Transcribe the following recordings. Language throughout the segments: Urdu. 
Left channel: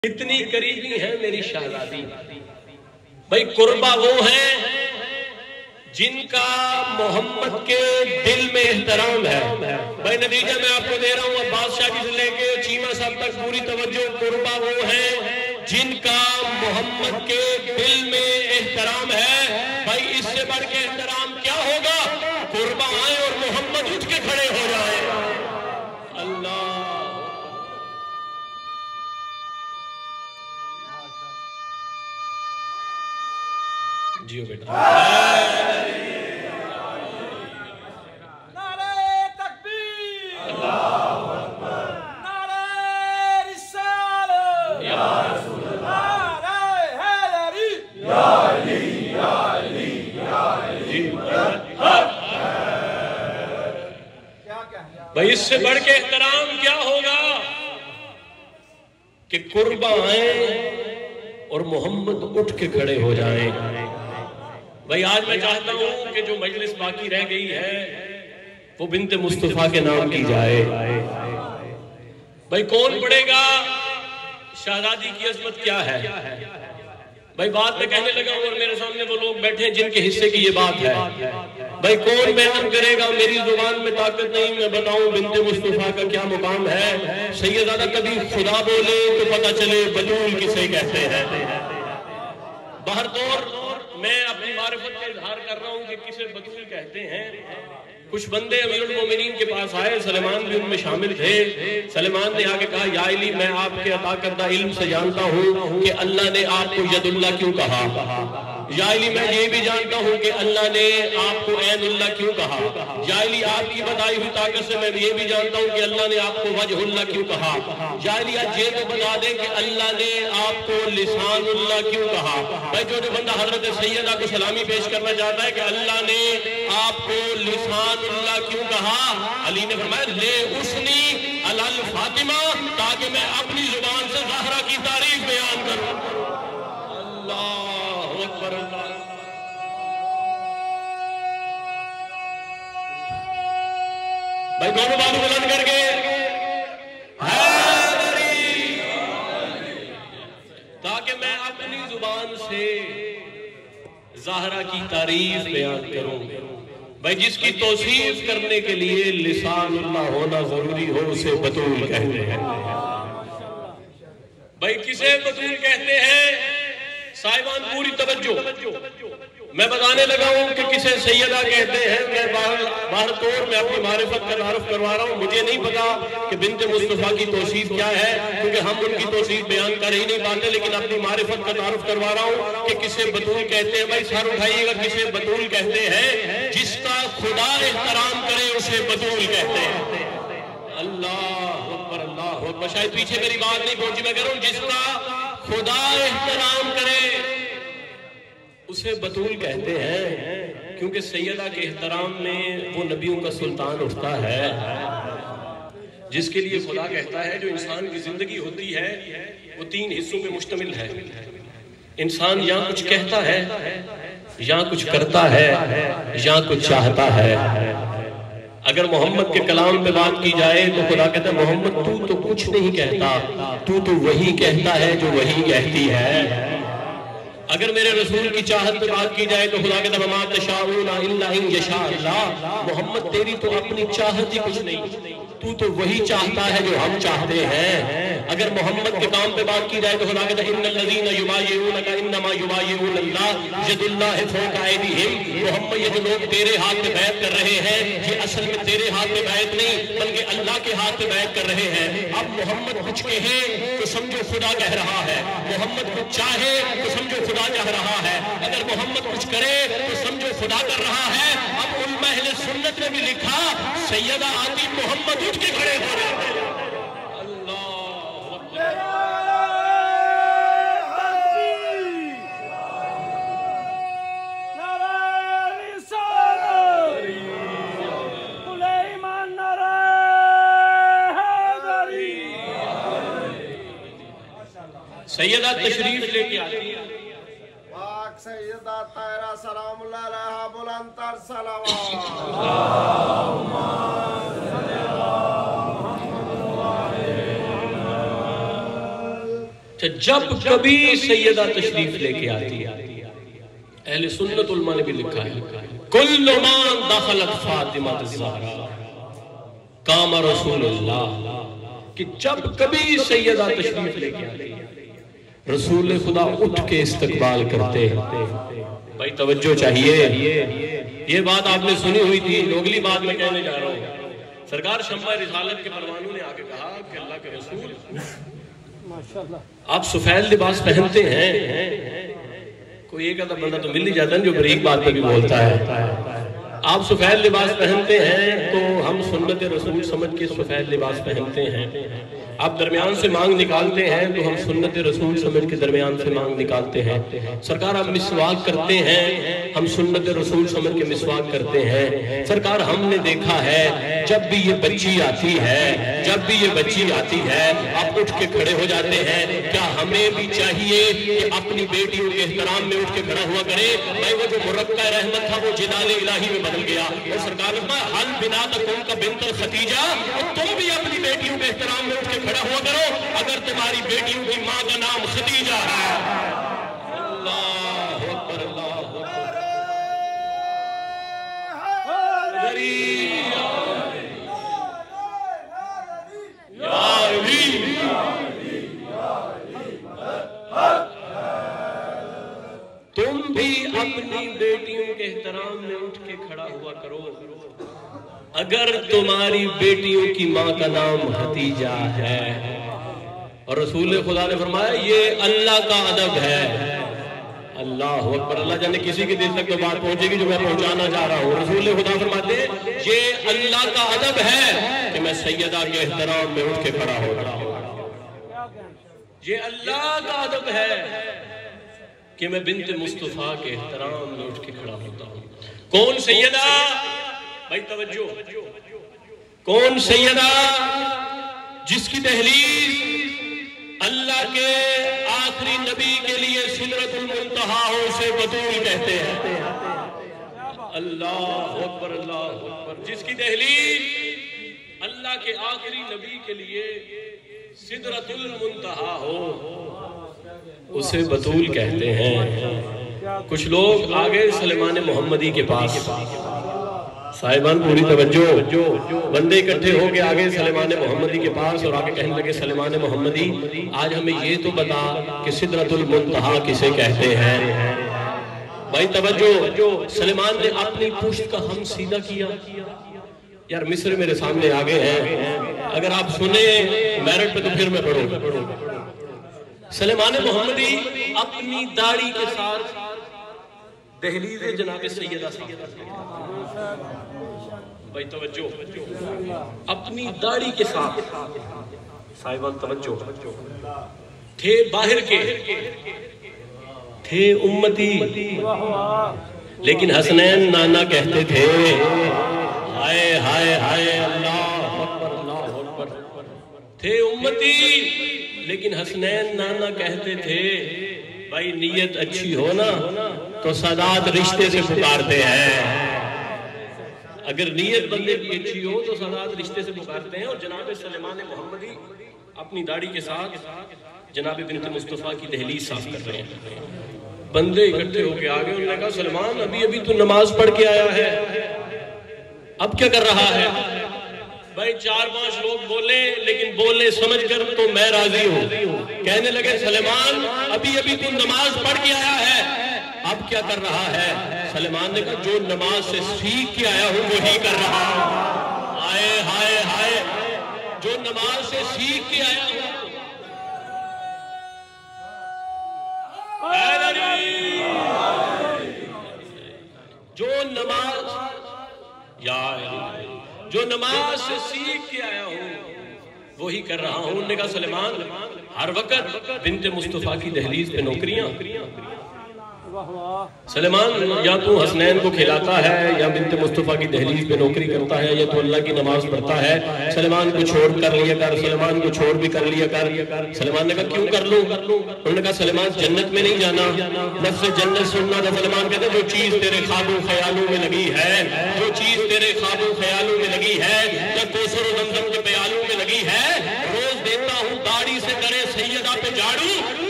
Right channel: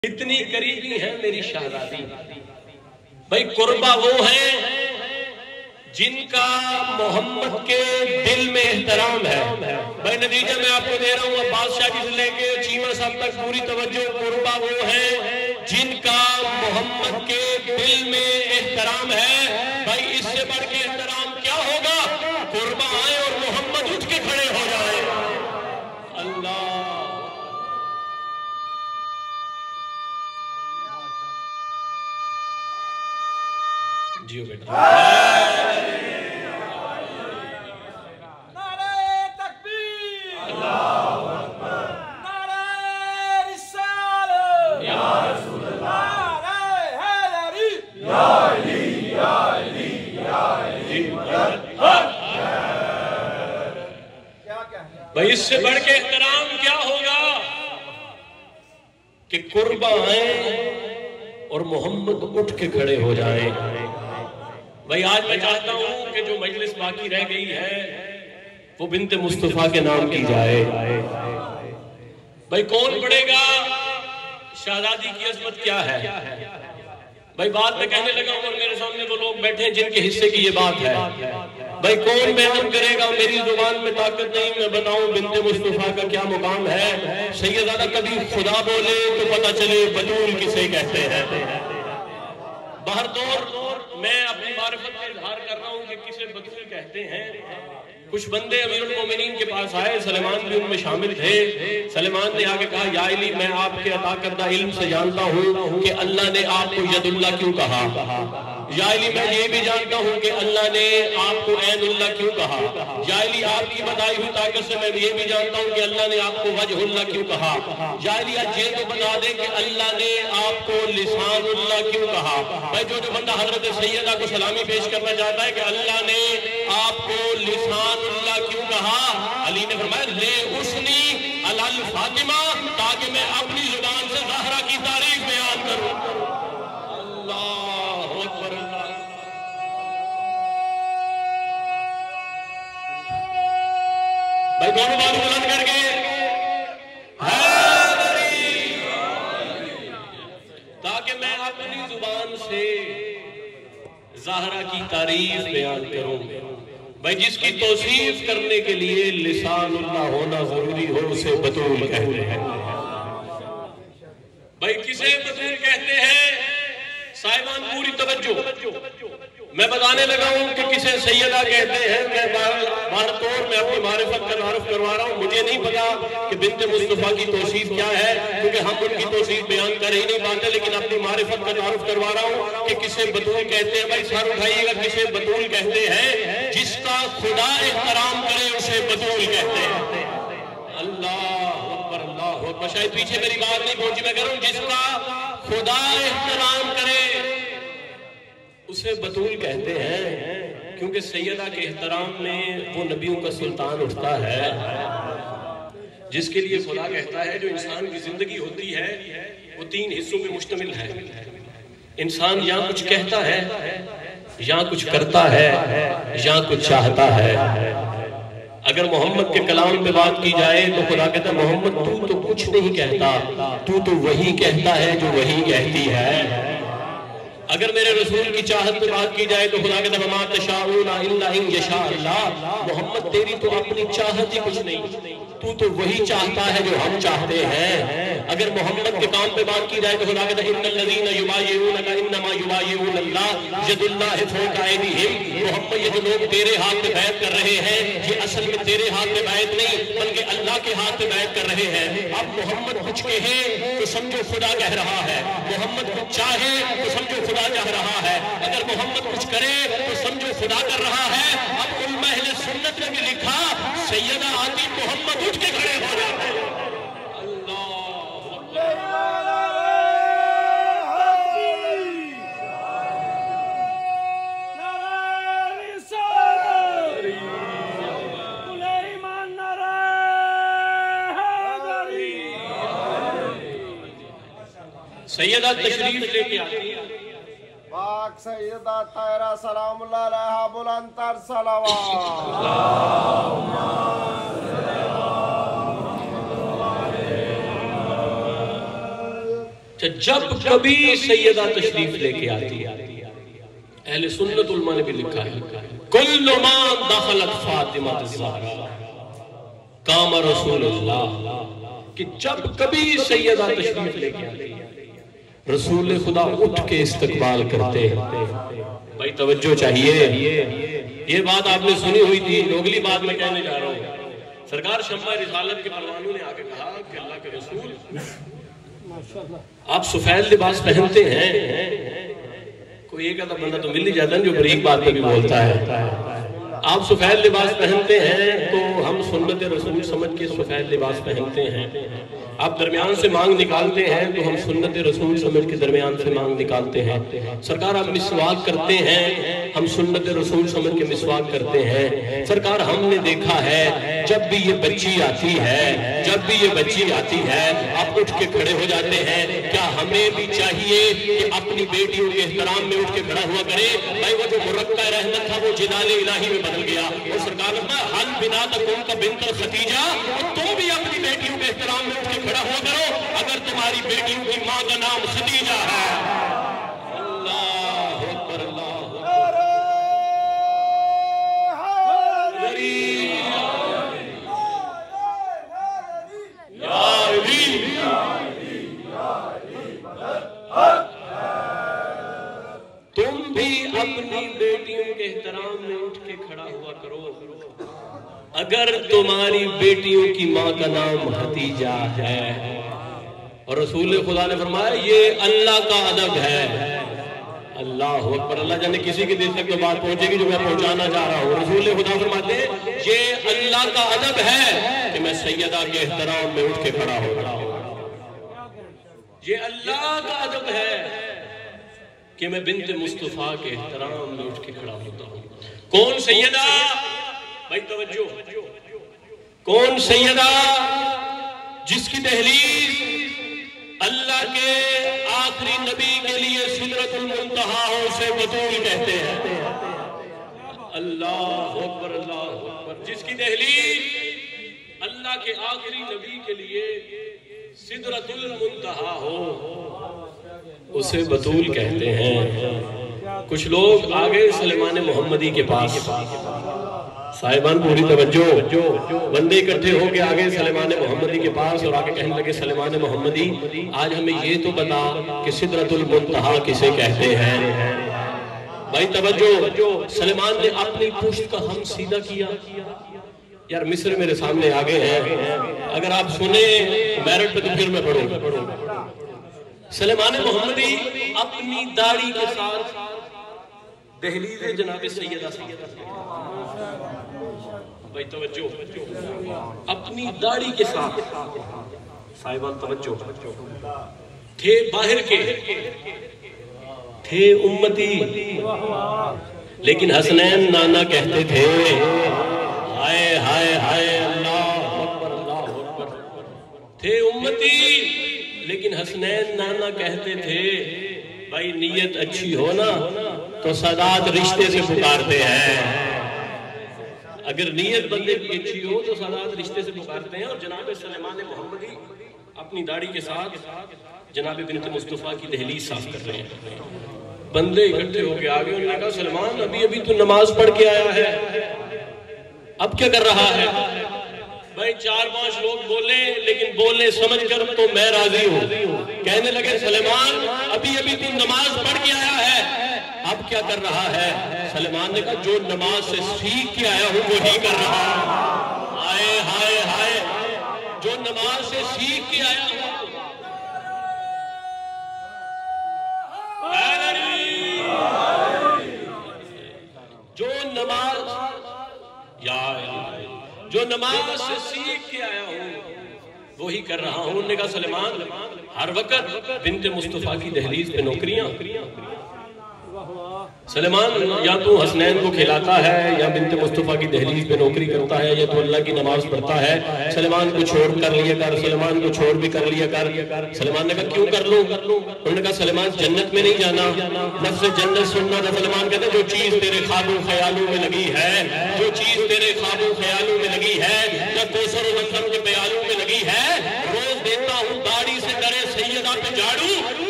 اتنی قریبی ہے میری شہزادی۔ بھائی قربا وہ ہے جن کا محمد کے دل میں احترام ہے۔ بھائی نتیجہ میں آپ کو دے رہا ہوں، عباس شاہ جی سے لے کے چیمہ صاحب تک پوری توجہ۔ قربا وہ ہے جن کا محمد کے دل میں احترام ہے۔ بھائی اس سے بڑھ کے احترام کیا ہوگا؟ قربا آئے اور محمد اٹھ کے کھڑے ہو جائے۔ اللہ جیو بیٹا۔ نعرہ تکبیر، اللہ اکبر، نعرہ رسالت، یا رسول اللہ، نعرہ حیدری، یا علی یا علی یا علی۔ بھائی اس سے بڑھ کے احترام کیا ہوگا کہ قربا آئیں اور محمد اٹھ کے کھڑے ہو جائیں۔ بھائی آج میں چاہتا ہوں کہ جو مجلس باقی رہ گئی ہے وہ بنت مصطفیٰ کے نام کی جائے۔ بھائی کون پڑھے گا شہزادی کی عظمت کیا ہے؟ بھائی بات میں کہنے لگا ہوں اور میرے سامنے وہ لوگ بیٹھے ہیں جن کے حصے کی یہ بات ہے۔ بھائی کون بیان کرے گا؟ میری زبان میں طاقت نہیں میں بتاؤں بنت مصطفیٰ کا کیا مقام ہے۔ سیدہ کبھی خدا بولے تو پتہ چلے بطول کسے کہتے ہیں۔ بہر دور میں اپنی معرفت کا اظہار کر رہا ہوں کہ کسے بطول کہتے ہیں۔ کچھ بندے امیر المومنین کے پاس آئے، سلیمان بھی ان میں شامل تھے۔ سلیمان نے آگے کہا یا علی میں آپ کے عطا کردہ علم سے جانتا ہوں کہ اللہ نے آپ کو ید اللہ کیوں کہا۔ یا علی میں یہ بھی جانتا ہوں کہ اللہ نے آپ کو عین اللہ کیوں کہا۔ یا علی آپ کی بتائی ہوئی طاقت سے میں یہ بھی جانتا ہوں کہ اللہ نے آپ کو وجہ اللہ کیوں کہا۔ یا علی آج یہ تو بتا دیں کہ اللہ نے آپ کو لسان اللہ کیوں کہا۔ بھائی جو بندہ حضرت سیدہ کو سلامی پیش کرنا چاہتا ہے کہ اللہ نے آپ کو لسان اللہ کیوں کہا، علی نے فرمایا لے اسنی علی فاطمہ تاکہ میں اپنی زبان سے زہرا کی تعریف بیان کروں۔ اللہ اکبر اللہ۔ بھائی دونوں بات بلند کر کے حیدری، تاکہ میں اپنی زبان سے زہرا کی تعریف بیان کروں۔ بھائی جس کی توصیف کرنے کے لیے لسان اللہ ہونا ضروری ہو اسے بطول کہتے ہیں۔ بھائی کسے بطول کہتے ہیں؟ صاحبان پوری توجہ، میں بتانے لگا ہوں کہ کسے سیدہ کہتے ہیں۔ میں باہر طور میں اپنی معرفت کا تعارف کروا رہا ہوں۔ مجھے نہیں پتا کہ بنت مصطفیٰ کی توصیف کیا ہے کیونکہ ہم ان کی توصیف بیان کر ہی نہیں پاتے، لیکن اپنی معرفت کا تعارف کروا رہا ہوں کہ کسے بطول کہتے ہیں۔ بھائی سر اٹھائیے گا، کسے بطول کہتے ہیں؟ جس کا خدا احترام کرے اسے بطول کہتے ہیں۔ اللہ اکبر اللہ اکبر۔ شاید پیچھے میری بات نہیں پہنچی، میں کہہ رہا ہوں جس کا خدا احترام کرے اسے بطول کہتے ہیں، کیونکہ سیدہ کے احترام میں وہ نبیوں کا سلطان اٹھتا ہے جس کے لیے خدا کہتا ہے جو انسان کی زندگی ہوتی ہے وہ 3 حصوں پہ مشتمل ہے۔ انسان یا کچھ کہتا ہے، یا کچھ کرتا ہے، یا کچھ چاہتا ہے۔ اگر محمد کے کلام پہ بات کی جائے تو خدا کہتا ہے محمد تو کچھ نہیں کہتا، تو وہی کہتا ہے جو وہی کہتی ہے۔ اگر میرے رسول کی چاہت پہ بات کی جائے تو خدا کہتا ہے وَمَا تَشَاءُونَ إِلَّا أَن يَشَاءَ اللَّهُ، محمد تیری تو اپنی چاہت ہی کچھ نہیں، تو وہی چاہتا ہے جو ہم چاہتے ہیں۔ اگر محمد کے کام پہ بات کی جائے تو خدا کہتا ہے إِنَّ الَّذِينَ يُبَايِعُونَكَ إِنَّمَا يُبَايِعُونَ اللَّهَ يَدُ اللَّهِ فَوْقَ أَيْدِيهِمْ۔ محمد یہ جو لوگ تیرے ہاتھ پہ بیعت کر رہے ہیں یہ اصل میں تیرے ہاتھ پہ بیعت نہیں بلکہ اللہ کے ہاتھ پہ بیعت کر رہے ہیں۔ اب محمد کچھ کہے تو سمجھو خدا کہہ رہا ہے، محمد کچھ چاہے تو سمجھو خدا چاہ رہا ہے، اگر محمد کچھ کرے تو سمجھو خدا کر رہا ہے۔ اب علماء اہل سنت نے بھی لکھا سیدہ آتی محمد اٹھ کے کھڑے ہو رہے ہیں۔ سیدہ تشریف لے کے آتی ہے، پاک سیدہ طاہرہ سلام اللہ علیہا بلند تر صلوات۔ اللہم صلی اللہ جب کبھی سیدہ تشریف لے کے آتی ہے، اہل سنت علماء نے بھی لکھا ہے کل من دخلت فاطمہ الزہرا قام رسول اللہ، کہ جب کبھی سیدہ تشریف لے کے آتی ہے رسول خدا اٹھ کے استقبال کرتے ہیں۔ بھائی توجہ چاہیے، یہ بات آپ نے سنی ہوئی تھی، اگلی بات میں کہنے جا رہا ہوں۔ سرکار شمع رسالت کے پروانوں نے آ کے کہا کہ اللہ کے رسول آپ سفید لباس پہنتے ہیں، کوئی ایک آدھا بندہ تو مل نہیں جاتا جو بریک بات پہ بھی بولتا ہے، آپ سفید لباس پہنتے ہیں تو ہم سنت رسول سمجھ کے سفید لباس پہنتے ہیں، آپ درمیان سے مانگ نکالتے ہیں تو ہم سنت رسول سمجھ کے درمیان سے مانگ نکالتے ہیں، سرکار آپ مسواک کرتے ہیں ہم سنت رسول سمجھ کے مسواک کرتے ہیں، سرکار ہم نے دیکھا ہے جب بھی یہ بچی آتی ہے، جب بھی یہ بچی آتی ہے آپ اٹھ کے کھڑے ہو جاتے ہیں، کیا ہمیں بھی چاہیے کہ اپنی بیٹیوں کے احترام میں اٹھ کے کھڑا ہوا کرے؟ بھائی وہ جو مرقع رحمت تھا وہ جلال الہی میں بدل گیا، اور سرکار نے فرمایا حل بناتکم کا بنت خدیجہ، تم بھی اپنی بیٹیوں کے احترام میں اٹھ کے کھڑا ہوا کرو اگر تمہاری بیٹیوں کی ماں کا نام خدیجہ ہے۔ اللہ اکبر، اللہ اکبر، تم بھی اپنی بیٹیوں کے احترام میں اٹھ کے کھڑا ہوا کرو اگر تمہاری بیٹیوں کی ماں کا نام حتیجہ ہے۔ اور رسول خدا نے فرمایا یہ اللہ کا ادب ہے۔ اللہ اکبر، اللہ جانے کسی کی دل تک تو بات پہنچے گی جو میں پہنچانا چاہ رہا ہوں۔ رسول خدا فرماتے ہیں یہ اللہ کا ادب ہے کہ میں سیدہ کے احترام میں اٹھ کے کھڑا ہو رہا ہوں، یہ اللہ کا ادب ہے کہ میں بنت مصطفیٰ کے احترام میں اٹھ کے کھڑا ہوتا ہوں۔ کون سیدہ؟ بھائی توجہ، کون سیدہ؟ جس کی دہلیز اللہ کے آخری نبی کے لیے سدرۃ المنتہا ہو، اسے بطول کہتے ہیں۔ اللہ اکبر، اللہ اکبر، جس کی دہلیز اللہ کے آخری نبی کے لیے سدرۃ المنتہا ہو، اسے بطول کہتے ہیں۔ کچھ لوگ آگے سلیمان محمدی کے پاس، صاحبان پوری توجہ، بندے اکٹھے ہو کے آگے سلیمان محمدی کے پاس اور آگے کہنے لگے سلیمان محمدی آج ہمیں یہ تو بتا کہ سدرۃ المنتہا کسے کہتے ہیں۔ بھائی توجہ، سلیمان نے اپنی پشت کا ہم سیدھا کیا۔ یار مصر میرے سامنے آگے ہیں، اگر آپ سنیں میرٹ پہ تو پھر میں پڑھوں۔ سلیمان محمدی اپنی داڑھی کے ساتھ دہلیز جناب سیدہ بھائی توجہ، اپنی داڑھی کے ساتھ صاحبان توجہ، تھے باہر کے، تھے امتی، لیکن حسنین نانا کہتے تھے۔ ہائے ہائے ہائے، اللہ اکبر، اللہ اکبر، تھے امتی لیکن حسنین نانا کہتے تھے بھائی نیت اچھی ہو نا تو سادات رشتے سے پکارتے ہیں، اگر نیت بندے کی اچھی ہو تو سادات رشتے سے پکارتے ہیں۔ اور جناب سلیمان محمدی اپنی داڑھی کے ساتھ جناب بنت مصطفیٰ کی دہلیز صاف کر رہے ہیں۔ بندے اکٹھے ہو کے آگے، انہوں نے کہا سلیمان ابھی تو نماز پڑھ کے آیا ہے، اب کیا کر رہا ہے؟ بھائی 4-5 لوگ بولے لیکن بولنے سمجھ کر تو میں راضی ہوں۔ کہنے لگے سلیمان ابھی تو نماز پڑھ کے آیا ہے، اب کیا کر رہا ہے؟ سلیمان نے کہا جو نماز سے سیکھ کے آیا ہوں وہی کر رہا ہوں۔ ہائے ہائے ہائے، جو نماز سے سیکھ کے آیا ہوں، جو نماز سے سیکھ کے آیا ہوں وہی کر رہا ہوں۔ انہوں نے کہا سلیمان ہر وقت بنت مصطفیٰ کی دہلیز پہ نوکریاں؟ سلیمان یا تو حسنین کو کھلاتا ہے یا بنت مصطفیٰ کی دہلیز پہ نوکری کرتا ہے یا تو اللہ کی نماز پڑھتا ہے۔ سلیمان کو چھوڑ کر لیا کر، سلیمان کو چھوڑ بھی کر لیا کر۔ سلیمان نے کہا کیوں کر لوں؟ انہوں نے کہا سلیمان جنت میں نہیں جانا، لفظ جنت سننا تھا۔ سلیمان کہتے ہیں جو چیز تیرے خوابوں خیالوں میں لگی ہے، جو چیز تیرے خوابوں خیالوں میں لگی ہے یا کوثر و زمزم کے پیالوں میں لگی ہے، روز دیتا ہوں داڑھی سے کرے سیدہ پہ جھاڑو،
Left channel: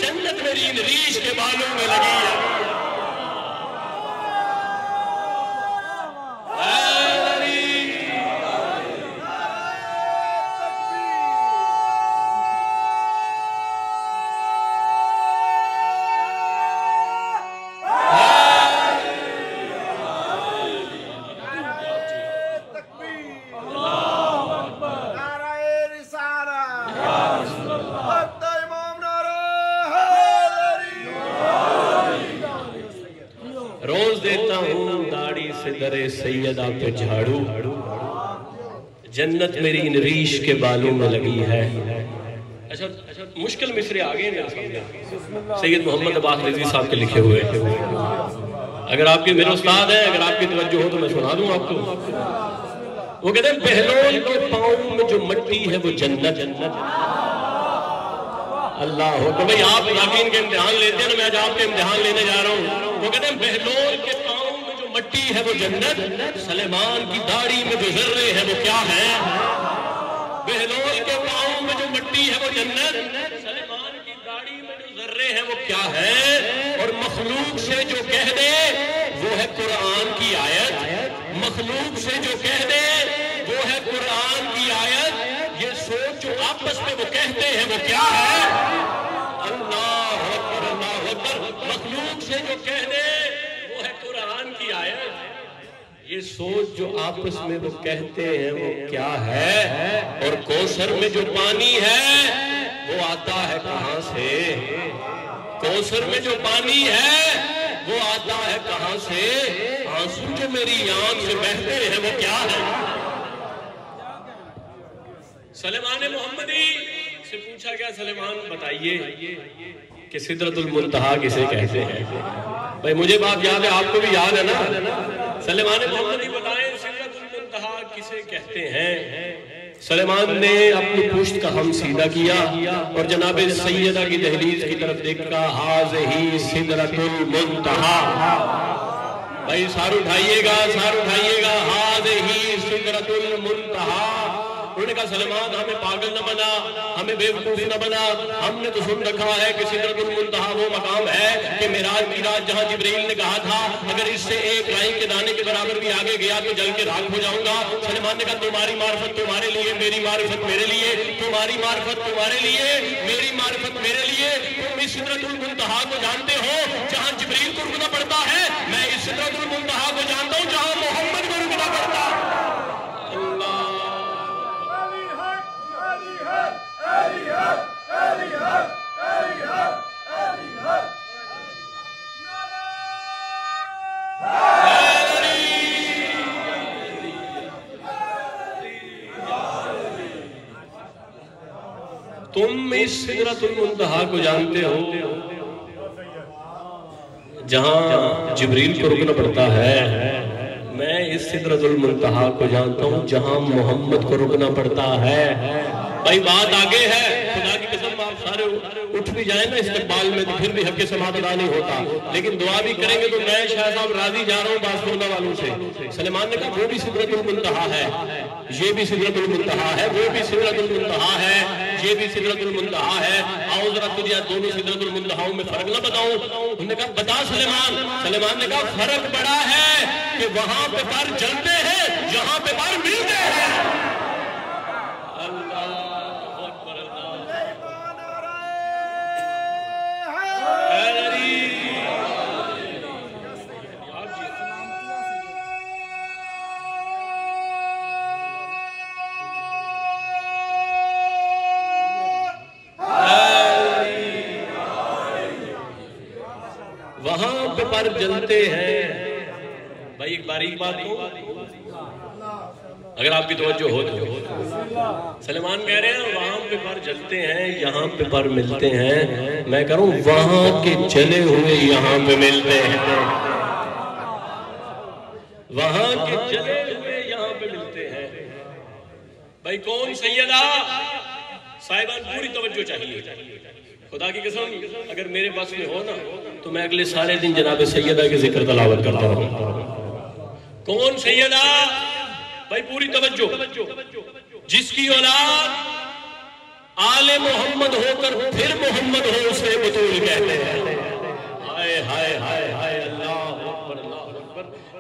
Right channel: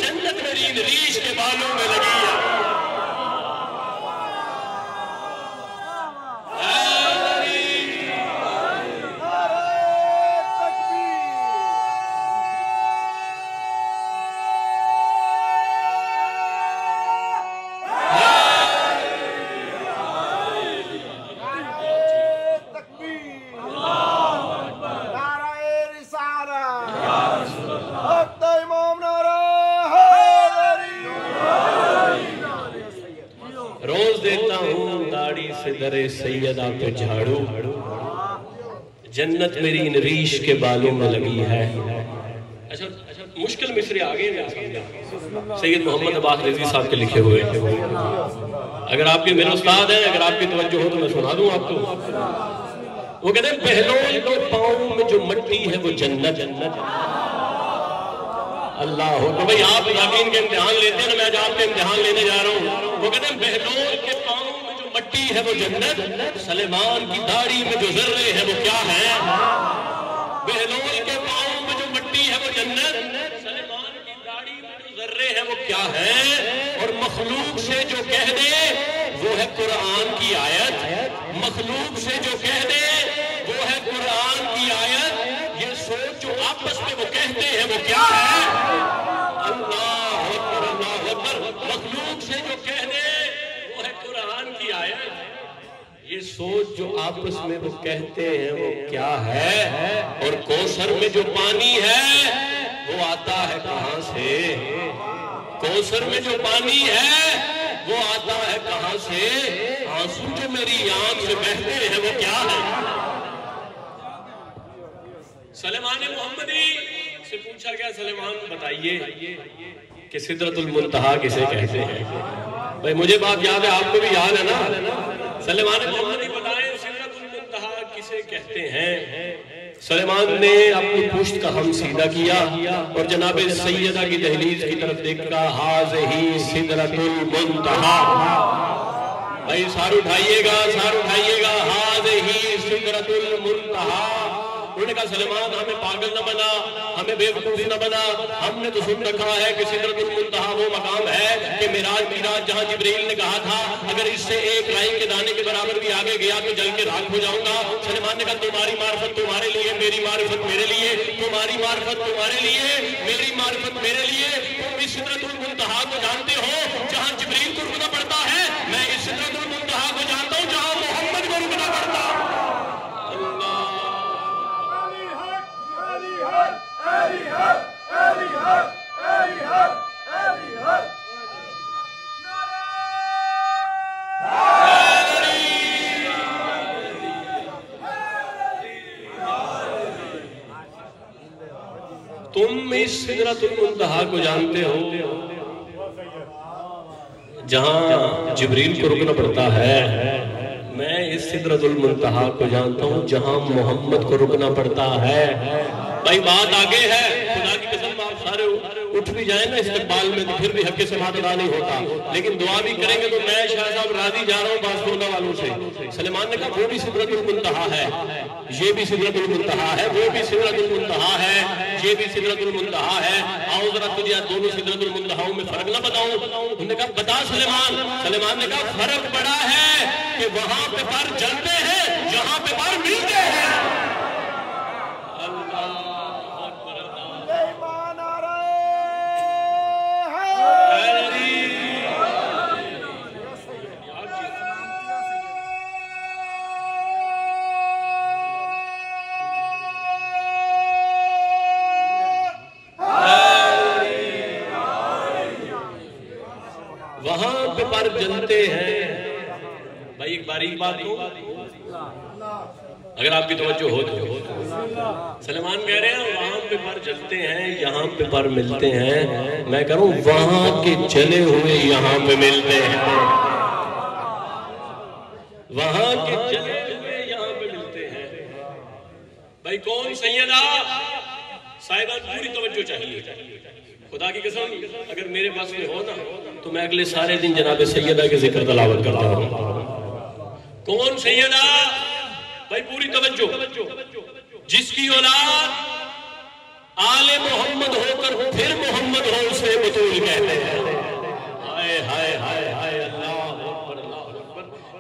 بالوں میں لگی ہے۔ در سیدہ پہ جھاڑو، جنت میری ان ریش کے بالوں میں لگی ہے۔ اچھا مشکل مصرے آگے ہیں سید محمد عباس رضوی صاحب کے لکھے ہوئے، اگر آپ کے میرے استاد ہیں، اگر آپ کی توجہ ہو تو میں سنا دوں آپ کو۔ وہ کہتے ہیں بہلول کے پاؤں میں جو مٹی ہے وہ جنت اللہ ہو۔ تو بھئی آپ یقین کے امتحان لیتے ہیں نا، میں آج آپ کے امتحان لینے جا رہا ہوں۔ وہ کہتے ہیں بہلول کے پاؤں میں جو مٹی ہے وہ جنت، سلیمان کی داڑھی میں جو ذرے ہیں وہ کیا ہے؟ بہلول کے پاؤں میں جو مٹی ہے وہ جنت، سلیمان کی داڑھی میں جو ذرے ہیں وہ کیا ہے؟ اور مخلوق سے جو کہہ دے وہ ہے قرآن کی آیت، مخلوق سے جو کہہ دے وہ ہے قرآن کی آیت۔ یہ سوچ جو آپس میں وہ کہتے ہیں وہ کیا ہے؟ اللہ اکبر اللہ اکبر۔ مخلوق سے جو کہہ دے وہ ہے قرآن کی آیت، یہ سوچ جو آپس میں وہ کہتے ہیں وہ کیا ہے؟ اور کوثر میں جو پانی ہے وہ آتا ہے کہاں سے؟ کوثر میں جو پانی ہے وہ آتا ہے کہاں سے؟ آنسو جو میری آنکھ سے بہتے ہیں وہ کیا ہے؟ سلیمان محمدی سے پوچھا گیا، سلیمان بتائیے کہ سدرۃ المنتہا کسے کہتے ہیں؟ بھئی مجھے بات یاد ہے، آپ کو بھی یاد ہے نا؟ سلیمان محمدی بتائیں سدرۃ المنتہا کسے کہتے ہیں؟ سلیمان نے اپنی پشت کا ہم سیدھا کیا اور جناب سیدہ کی دہلیز کی طرف دیکھ کہا ھذہ سدرۃ المنتہا۔ بھائی سار اٹھائیے گا، سار اٹھائیے گا، ھذہ سدرۃ المنتہا۔ انہوں نے کہا سلیمان ہمیں پاگل نہ بنا، ہمیں بیوقوف نہ بنا، ہم نے تو سن رکھا ہے کہ سدرۃ المنتہا وہ مقام ہے کہ معراج جہاں جبرائیل نے کہا تھا اگر اس سے ایک رائی کے دانے کے برابر بھی آگے گیا تو جل کے راکھ ہو جاؤں گا۔ سلیمان نے کہا تمہاری معرفت تمہارے لیے، میری معرفت میرے لیے، تمہاری معرفت تمہارے لیے، میری معرفت میرے لیے۔ تم اس سدرۃ المنتہا کو جانتے ہو جہاں جبرائیل کو رکنا پڑتا ہے، میں اس سدرۃ المنتہا کو جانتا ہوں جہاں محمد کو رکنا پڑتا ہے۔ تم اس سدرۃ المنتہا کو جانتے ہو جہاں جبریل کو رکنا پڑتا ہے، میں اس سدرۃ المنتہا کو جانتا ہوں جہاں محمد کو رکنا پڑتا ہے۔ بھائی بات آگے ہے، خدا کی قسم آپ سارے اٹھ بھی جائیں نا استقبال میں تو پھر بھی حق سماعت ادا نہیں ہوتا، لیکن دعا بھی کریں گے تو میں شاہ صاحب راضی جا رہا ہوں بارسلونا والوں سے۔ سلیمان نے کہا وہ بھی سدرۃ المنتہا ہے، یہ بھی سدرۃ المنتہا ہے، وہ بھی سدرۃ المنتہا ہے، یہ بھی سدرۃ المنتہا ہے۔ آؤ ذرا تجھے دونوں سدرۃ المنتہاؤں میں فرق نہ بتاؤں؟ انہوں نے کہا بتا سلیمان۔ سلیمان نے کہا فرق بڑا ہے کہ وہاں پہ پر جلتے ہیں، یہاں پہ پر ملتے ہیں۔ وہاں پہ پر جلتے ہیں۔ بھائی ایک باریک بات ہو اگر آپ کی توجہ ہو تو، سلیمان کہہ رہے ہیں وہاں پہ پر جلتے ہیں، یہاں پہ پر ملتے ہیں۔ میں کہہ رہا ہوں وہاں کے جلے ہوئے یہاں پہ ملتے ہیں، وہاں کے جلے ہوئے یہاں پہ ملتے ہیں۔ بھائی کون سیدہ؟ صاحبان پوری توجہ چاہیے، خدا کی قسم اگر میرے پاس میں ہو نا تو میں اگلے سارے دن جناب سیدہ کے ذکر تلاوت کرتا ہوں۔ کون سیدہ؟ بھائی پوری توجہ، جس کی اولاد آل محمد ہو کر پھر محمد ہو اسے بطول کہتے ہیں۔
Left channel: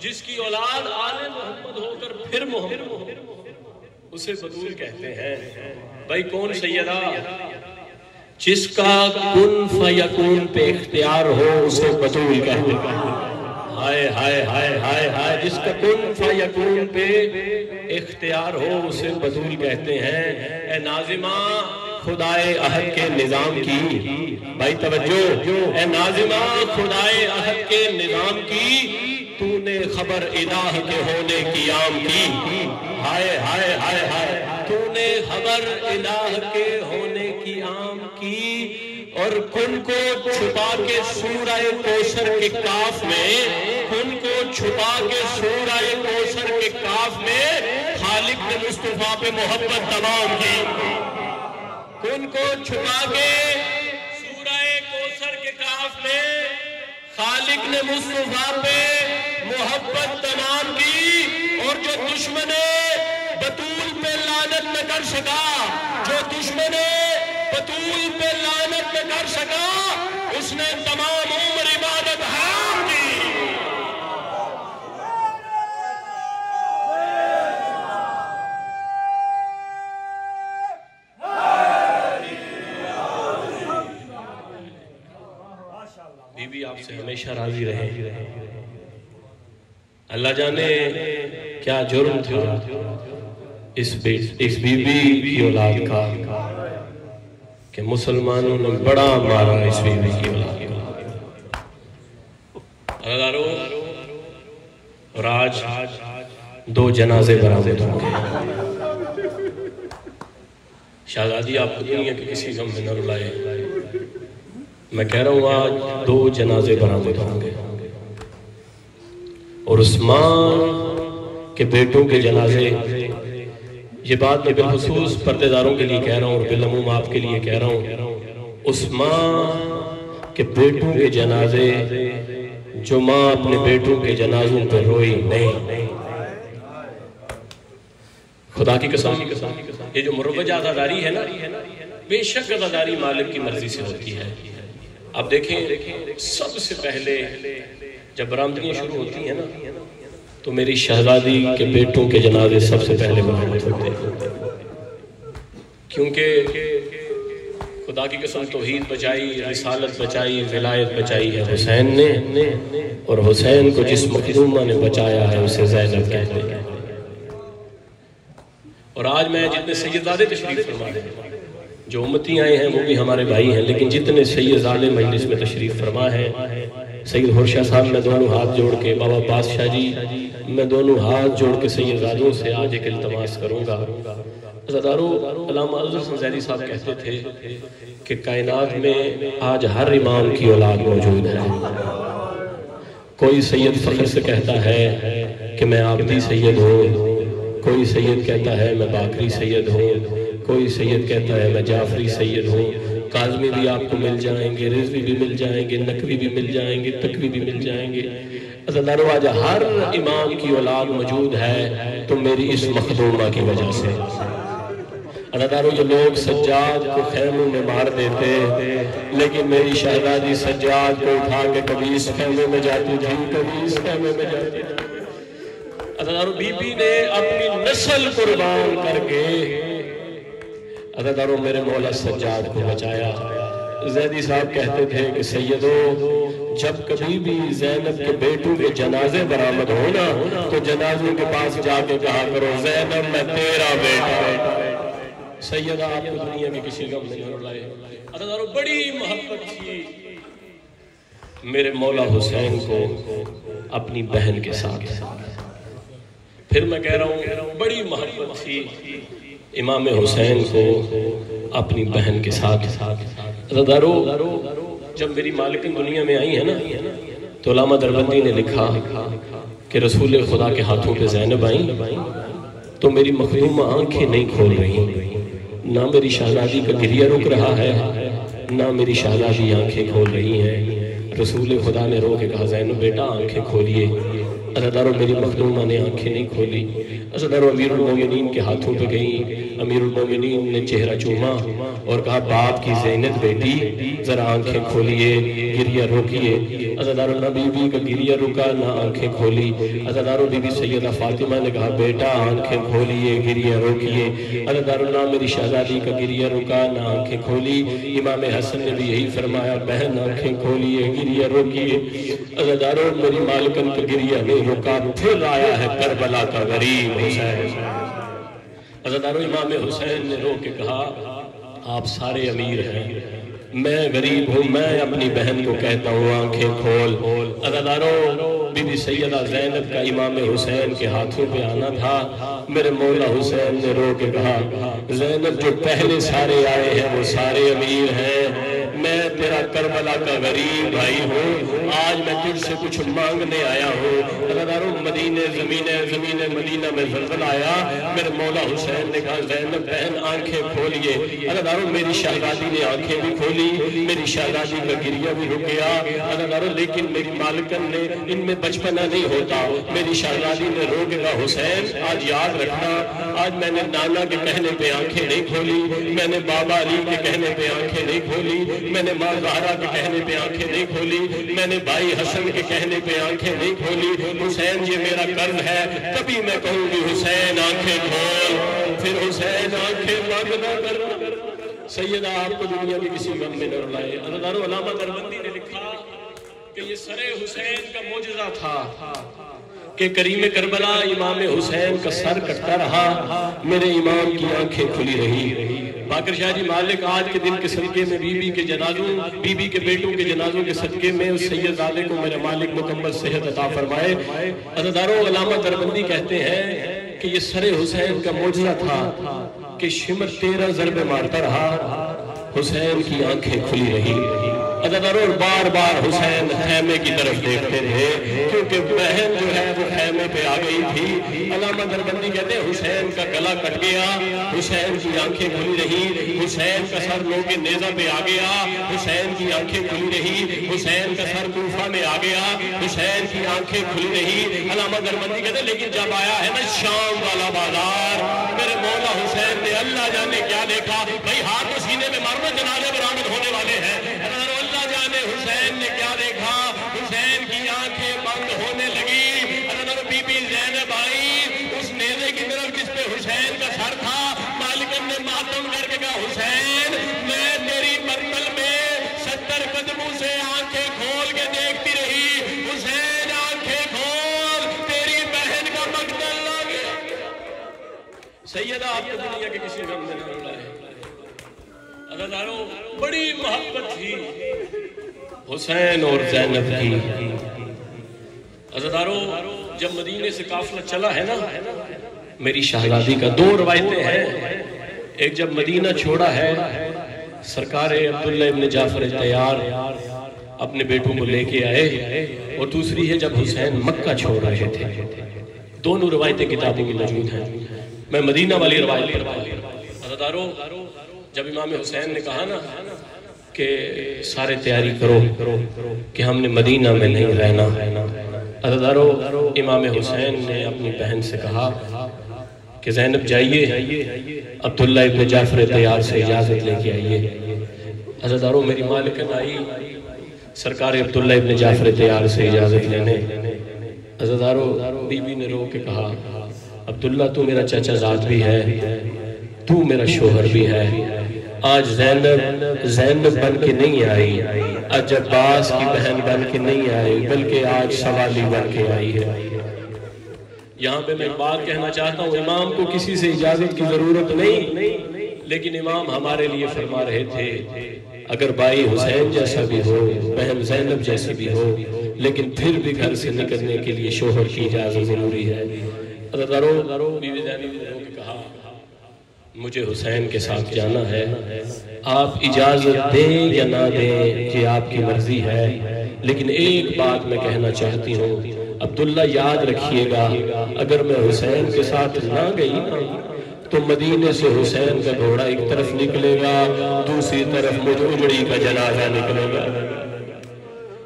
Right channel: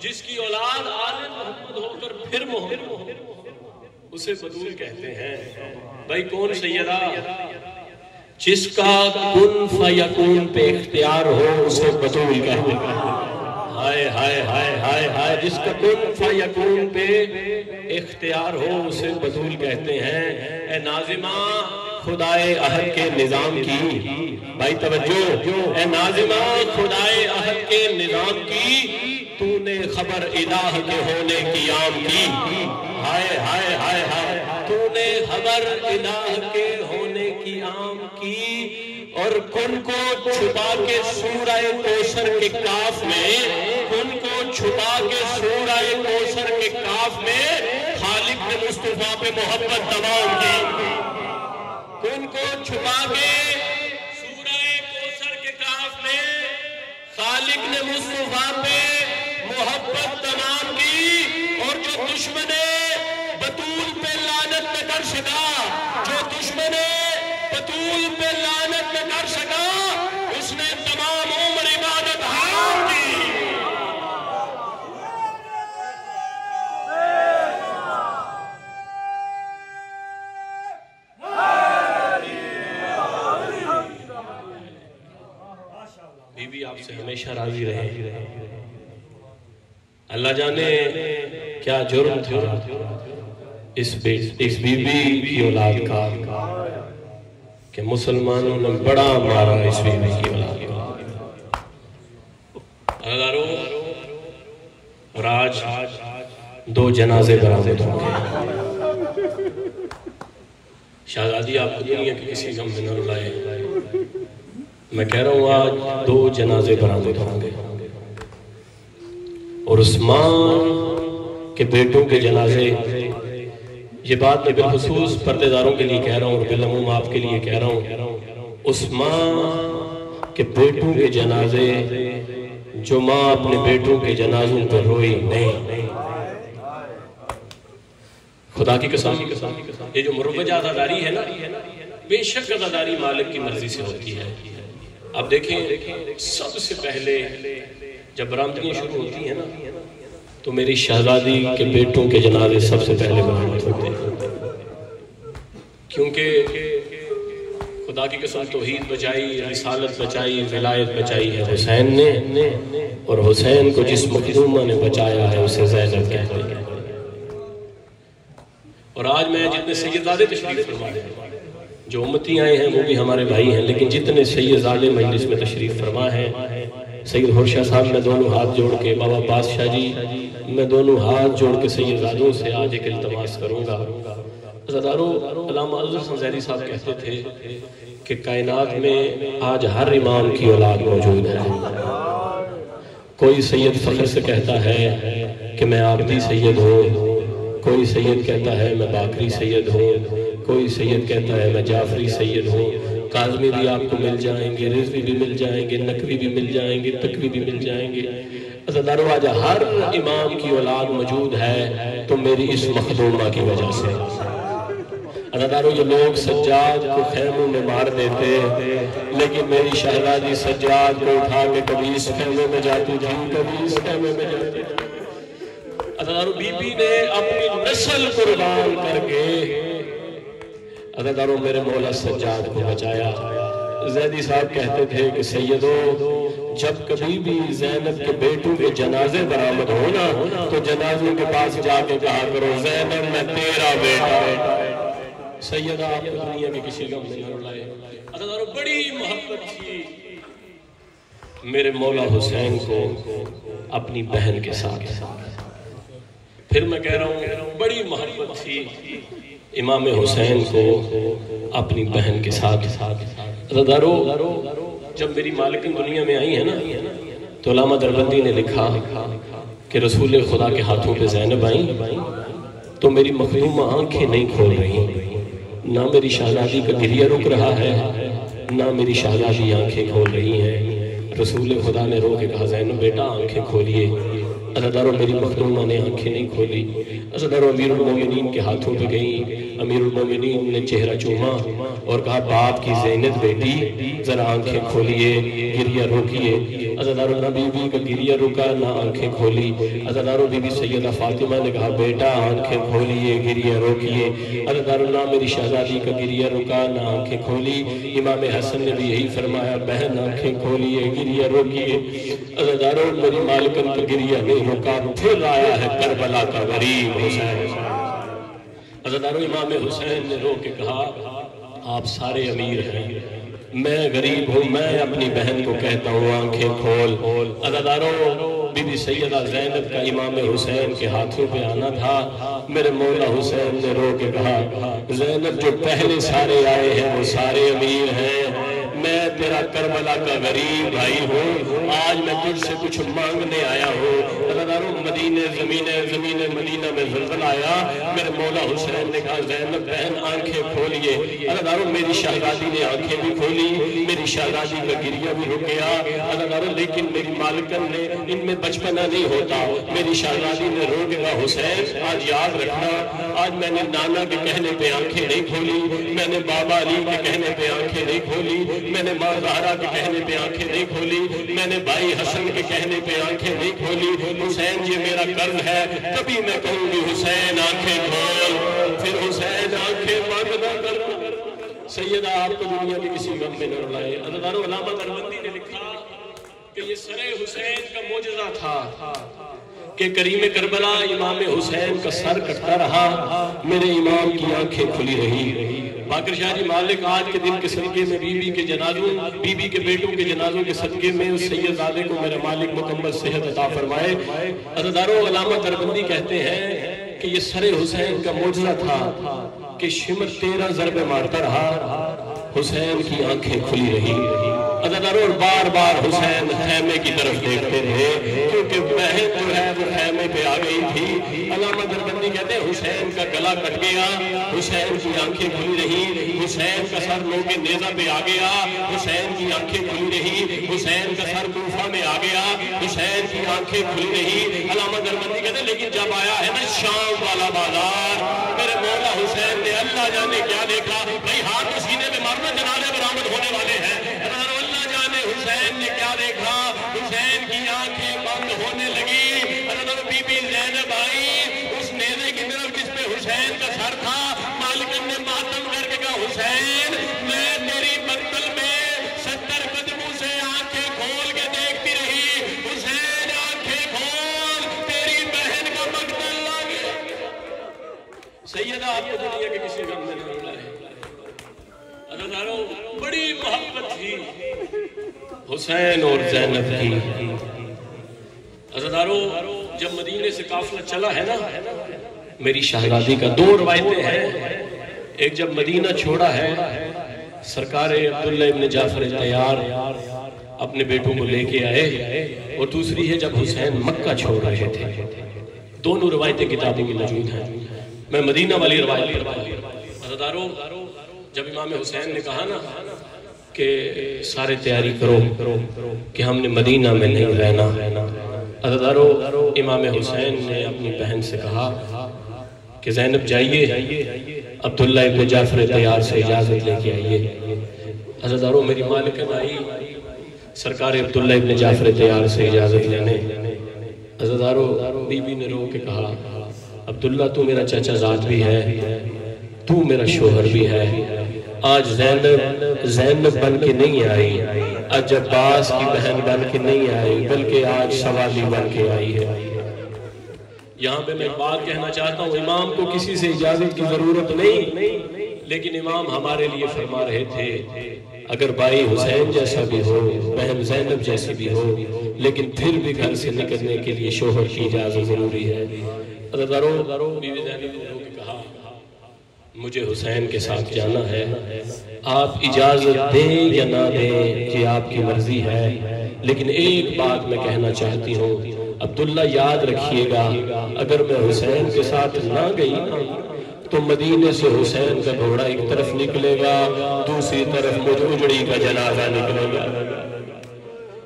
جس کی اولاد آل محمد ہو کر پھر محمد، اسے بطول کہتے ہیں۔ بھائی کون سیدہ؟ جس کا کن فیکون پہ اختیار ہو اسے بطول کہتے ہیں۔ ہائے ہائے ہائے ہائے ہائے، جس کا کن فیکون پہ اختیار ہو اسے بطول کہتے ہیں۔ اے ناظمہ خدائے احد کے نظام کی، بھائی توجہ، اے ناظمہ خدائے احد کے نظام کی، تو نے خبر الہ کے ہونے کی عام کی۔ ہائے ہائے ہائے ہائے، تو نے خبر الہ کے ہونے کی عام کی، اور کن کو چھپا کے سورہ کوثر کے کاف میں، کن کو چھپا کے سورہ کوثر کے کاف میں خالق نے مصطفیٰ پہ محبت تمام کی۔ کن کو چھپا کے سورہ کوثر کے کاف میں خالق نے مصطفیٰ پہ محبت تمام کی، اور جو دشمن بطول پہ لعنت نہ کر سکا، جو دشمن بطول پہ لعنت نہ کر سکا، اس نے تمام عمر عبادت حرام کی۔ بی بی آپ سے ہمیشہ راضی رہے۔ اللہ جانے کیا جرم تھا اس بی بی کی اولاد کا کہ مسلمانوں نے بڑا مارا اس بی بی کی اولاد کو۔ اور آج 2 جنازے برآمد ہوں گے۔ شہزادی آپ کو دنیا کے کسی غم میں نہ رلائے، میں کہہ رہا ہوں آج 2 جنازے برآمد ہوں گے، اور عثمان کے بیٹوں کے جنازے، یہ بات میں بالخصوص پردے داروں کے لیے کہہ رہا ہوں اور بالعموم آپ کے لیے کہہ رہا ہوں، عثمان کے بیٹوں کے جنازے، جو ماں اپنے بیٹوں کے جنازوں پہ روئی نہیں، خدا کی قسم، یہ جو مروج عزاداری ہے نا، بے شک عزاداری مالک کی مرضی سے ہوتی ہے۔ اب دیکھیں سب سے پہلے جب برآمدیاں شروع ہوتی ہیں نا، تو میری شہزادی کے بیٹوں کے جنازے سب سے پہلے برآمد ہوتے ہیں، کیونکہ خدا کی قسم توحید بچائی، رسالت بچائی، ولایت بچائی ہے حسین نے، اور حسین کو جس مخدومہ نے بچایا ہے اسے زینب کہتے ہیں۔ اور آج میں جتنے سیدزادے تشریف فرما ہیں، جو امتی آئے ہیں وہ بھی ہمارے بھائی ہیں، لیکن جتنے سیدزادے مجلس میں تشریف فرما ہیں، سید ہرشا صاحب میں دونوں ہاتھ جوڑ کے، بابا بادشاہ جی میں دونوں ہاتھ جوڑ کے سیدزادوں سے آج ایک التماس کروں گا۔ عزادارو، علامہ عزیز حسن زیدی صاحب کہتے تھے کہ کائنات میں آج ہر امام کی اولاد موجود ہے۔ کوئی سید فخر سے کہتا ہے کہ میں عابدی سید ہوں، کوئی سید کہتا ہے میں باقری سید ہوں، کوئی سید کہتا ہے میں جعفری سید ہوں۔ کاظمی بھی آپ کو مل جائیں گے، رضوی بھی مل جائیں گے، نقوی بھی مل جائیں گے، تقوی بھی مل جائیں گے۔ عزادارو، آج ہر امام کی اولاد موجود ہے تو میری اس مخدومہ کی وجہ سے۔ عزادارو، جو لوگ سجاد کو خیموں میں مار دیتے، لیکن میری شہزادی سجاد کو اٹھا کے کبھی اس خیمے میں جاتی تھی، کبھی اس خیمے میں جاتی تھی۔ عزادارو، بی بی نے اپنی نسل قربان کر کے عزادارو میرے مولا سجاد کو بچایا۔ زیدی صاحب کہتے تھے کہ سیدو، جب کبھی بھی زینب کے بیٹوں کے جنازے برآمد ہونا تو جنازوں کے پاس جا کے کہا کرو زینب میں تیرا بیٹا۔ سیدہ آپ کو دنیا کے کسی غم میں نہ رلائے۔ عزادارو، بڑی محبت تھی میرے مولا حسین کو اپنی بہن کے ساتھ، پھر میں کہہ رہا ہوں بڑی محبت تھی امام حسین کو اپنی بہن کے ساتھ۔ عزادارو، جب میری مالکن دنیا میں آئی ہے نا، تو علامہ دربندی نے لکھا کہ رسول خدا کے ہاتھوں پہ زینب آئیں تو میری مخدومہ آنکھیں نہیں کھول رہی، نہ میری شہزادی کا گریہ رک رہا ہے، نہ میری شہزادی آنکھیں کھول رہی ہیں۔ رسول خدا نے رو کے کہا زینب بیٹا آنکھیں کھولیے۔ عزادارو، میری مخدومہ نے آنکھیں نہیں کھولی۔ عزیزانو امیر المومنین کے ہاتھوں پہ گئیں، امیر المومنین نے چہرہ چوما اور کہا باپ کی زینت بیٹی ذرا آنکھیں کھولیے، گریہ روکیے۔ عزیزانو نہ بی بی کا گریہ رکا نہ آنکھیں کھولی۔ عزیزانو بی بی سیدہ فاطمہ نے کہا بیٹا آنکھیں کھولیے، گریہ روکیے۔ عزیزانو نہ میری شہزادی کا گریہ رکا نہ آنکھیں کھولی۔ امام حسن نے بھی یہی فرمایا بہن آنکھیں کھولیے، گریہ روکیے۔ عزیزانو میری مالکن کا گریہ نہیں رکا، پھر آیا ہے کربلا کا غریب حسین۔ عزیزانو امام حسین نے رو کے کہا آپ سارے امیر ہیں، میں غریب ہوں، میں اپنی بہن کو کہتا ہوں آنکھیں کھول۔ عزیزانو بی بی سیدہ زینب کا امام حسین کے ہاتھوں پہ آنا تھا، میرے مولا حسین نے رو کے کہا زینب جو پہلے سارے آئے ہیں وہ سارے امیر ہیں، میں تیرا کربلا کا غریب بھائی ہوں، آج میں تجھ سے کچھ مانگنے آیا ہوں۔ عزیزانو مدینہ زمین مدینہ میں زلزلہ آیا، میرے مولا حسین نے کہا زینب بہن آنکھیں کھولیے۔ عزیزانو میری شہزادی نے آنکھیں بھی کھولی، میری شہزادی کا گریہ بھی رک گیا۔ عزیزانو لیکن میری مالکن نے ان میں بچپنا نہیں ہوتا، میری شہزادی نے رو کے کہا حسین آج یاد رکھنا، آج میں نے نانا کے کہنے پہ آنکھیں نہیں کھولی، میں نے بابا علی کے کہنے پہ آنکھیں نہیں کھولی، میں نے ماں زہرا کے کہنے پہ آنکھیں نہیں کھولی، میں نے بھائی حسن کے کہنے پہ آنکھیں نہیں کھولی۔ حسین یہ میرا قرض ہے، تبھی میں کہوں گی حسین آنکھیں کھول، پھر حسین آنکھیں بند نہ کرنا۔ سیدہ آپ کو دنیا میں کسی غم میں نہ رلائے۔ عزیزانو علامہ دربندی نے لکھا کہ یہ سر حسین کا معجزہ تھا کہ کریم کربلا امام حسین کا سر کٹتا رہا، میرے امام کی آنکھیں کھلی رہی۔ باقر شاہ جی مالک آج کے دن کے صدقے میں بی بی کے جنازوں، بی بی کے بیٹوں کے جنازوں کے صدقے میں اس سید زادے کو میرے مالک مکمل صحت عطا فرمائے۔ عزیزانو علامہ دربندی کہتے ہیں کہ یہ سر حسین کا معجزہ تھا کہ شمر 13 ضربے مارتا رہا، حسین کی آنکھیں کھلی رہی۔ عزیزانو بار بار حسین خیمے کی طرف دیکھتے رہے کیونکہ بہن جو ہے وہ خیمے پہ آ گئی تھی۔ علامہ دربندی کہتے ہیں حسین کا گلا کٹ گیا، حسین کی آنکھیں کھلی رہی، حسین کا سر لو کے نیزہ پہ آ گیا، حسین کی آنکھیں کھلی رہی، حسین کا سر کوفہ میں آ گیا، حسین کی آنکھیں کھلی رہی۔ علامہ دربندی کہتے ہیں لیکن جب آیا ہے نا شام والا بازار، میرے مولا حسین نے اللہ جانے کیا دیکھا، بھائی ہاتھ و سینے میں مارنا جنازے برآمد ہونے والے ہیں۔ حسین نے کیا دیکھا، حسین کی آنکھیں بند ہونے لگی۔ عزیزانو بی بی زینب آئی اس نیزے کی طرف جس پہ حسین کا سر تھا، مالکن نے ماتم کر کے کہا حسین میں تیری مقتل میں 70 قدموں سے آنکھیں کھول کے دیکھتی رہی، حسین آنکھیں کھول تیری بہن کا مقتل آ گیا۔ سیدہ آپ کو دنیا کے کسی غم میں نہ رلائے۔ عزیزانو بڑی محبت تھی حسین اور زینب کی۔ عزیزانو جب مدینے سے قافلہ چلا ہے نا، میری شہزادی کا 2 روایتیں ہیں، ایک جب مدینہ چھوڑا ہے سرکار عبداللہ ابن جعفر تیار اپنے بیٹوں کو لے کے آئے، اور دوسری ہے جب حسین مکہ چھوڑ رہے تھے۔ دونوں روایتیں کتابوں میں موجود ہیں، میں مدینہ والی روایت پڑھتا ہوں۔ عزیزانو جب امام حسین نے کہا نا کہ سارے تیاری کرو کہ ہم نے مدینہ میں نہیں رہنا، عزیزانو امام حسین نے اپنی بہن سے کہا کہ زینب جائیے عبداللہ ابن جعفر تیار سے اجازت لے کے آئیے۔ عزیزانو میری مالکن آئی سرکار عبداللہ ابن جعفر تیار سے اجازت لینے۔ عزیزانو بی بی نے رو کے کہا عبداللہ تو میرا چچا زاد بھی ہے، تو میرا شوہر بھی ہے، آج زینب بن کے نہیں آئی، آج عباس کی بہن بن کے نہیں آئی، بلکہ آج سوالی بن کے آئی ہے۔ یہاں پہ میں ایک بات کہنا چاہتا ہوں، امام کو کسی سے اجازت کی ضرورت نہیں، لیکن امام ہمارے لیے فرما رہے تھے اگر بھائی حسین جیسا بھی ہو، بہن زینب جیسی بھی ہو، لیکن پھر بھی گھر سے نکلنے کے لیے شوہر کی اجازت ضروری ہے۔ عزیزانو بیوی زینب نے کہا مجھے حسین کے ساتھ جانا ہے، آپ اجازت دیں یا نہ دیں یہ آپ کی مرضی ہے، لیکن ایک بات میں کہنا چاہتی ہوں عبداللہ یاد رکھیے گا اگر میں حسین کے ساتھ نہ گئی تو مدینے سے حسین کا گھوڑا ایک طرف نکلے گا، دوسری طرف مجھ اجڑی کا جنازہ نکلے گا۔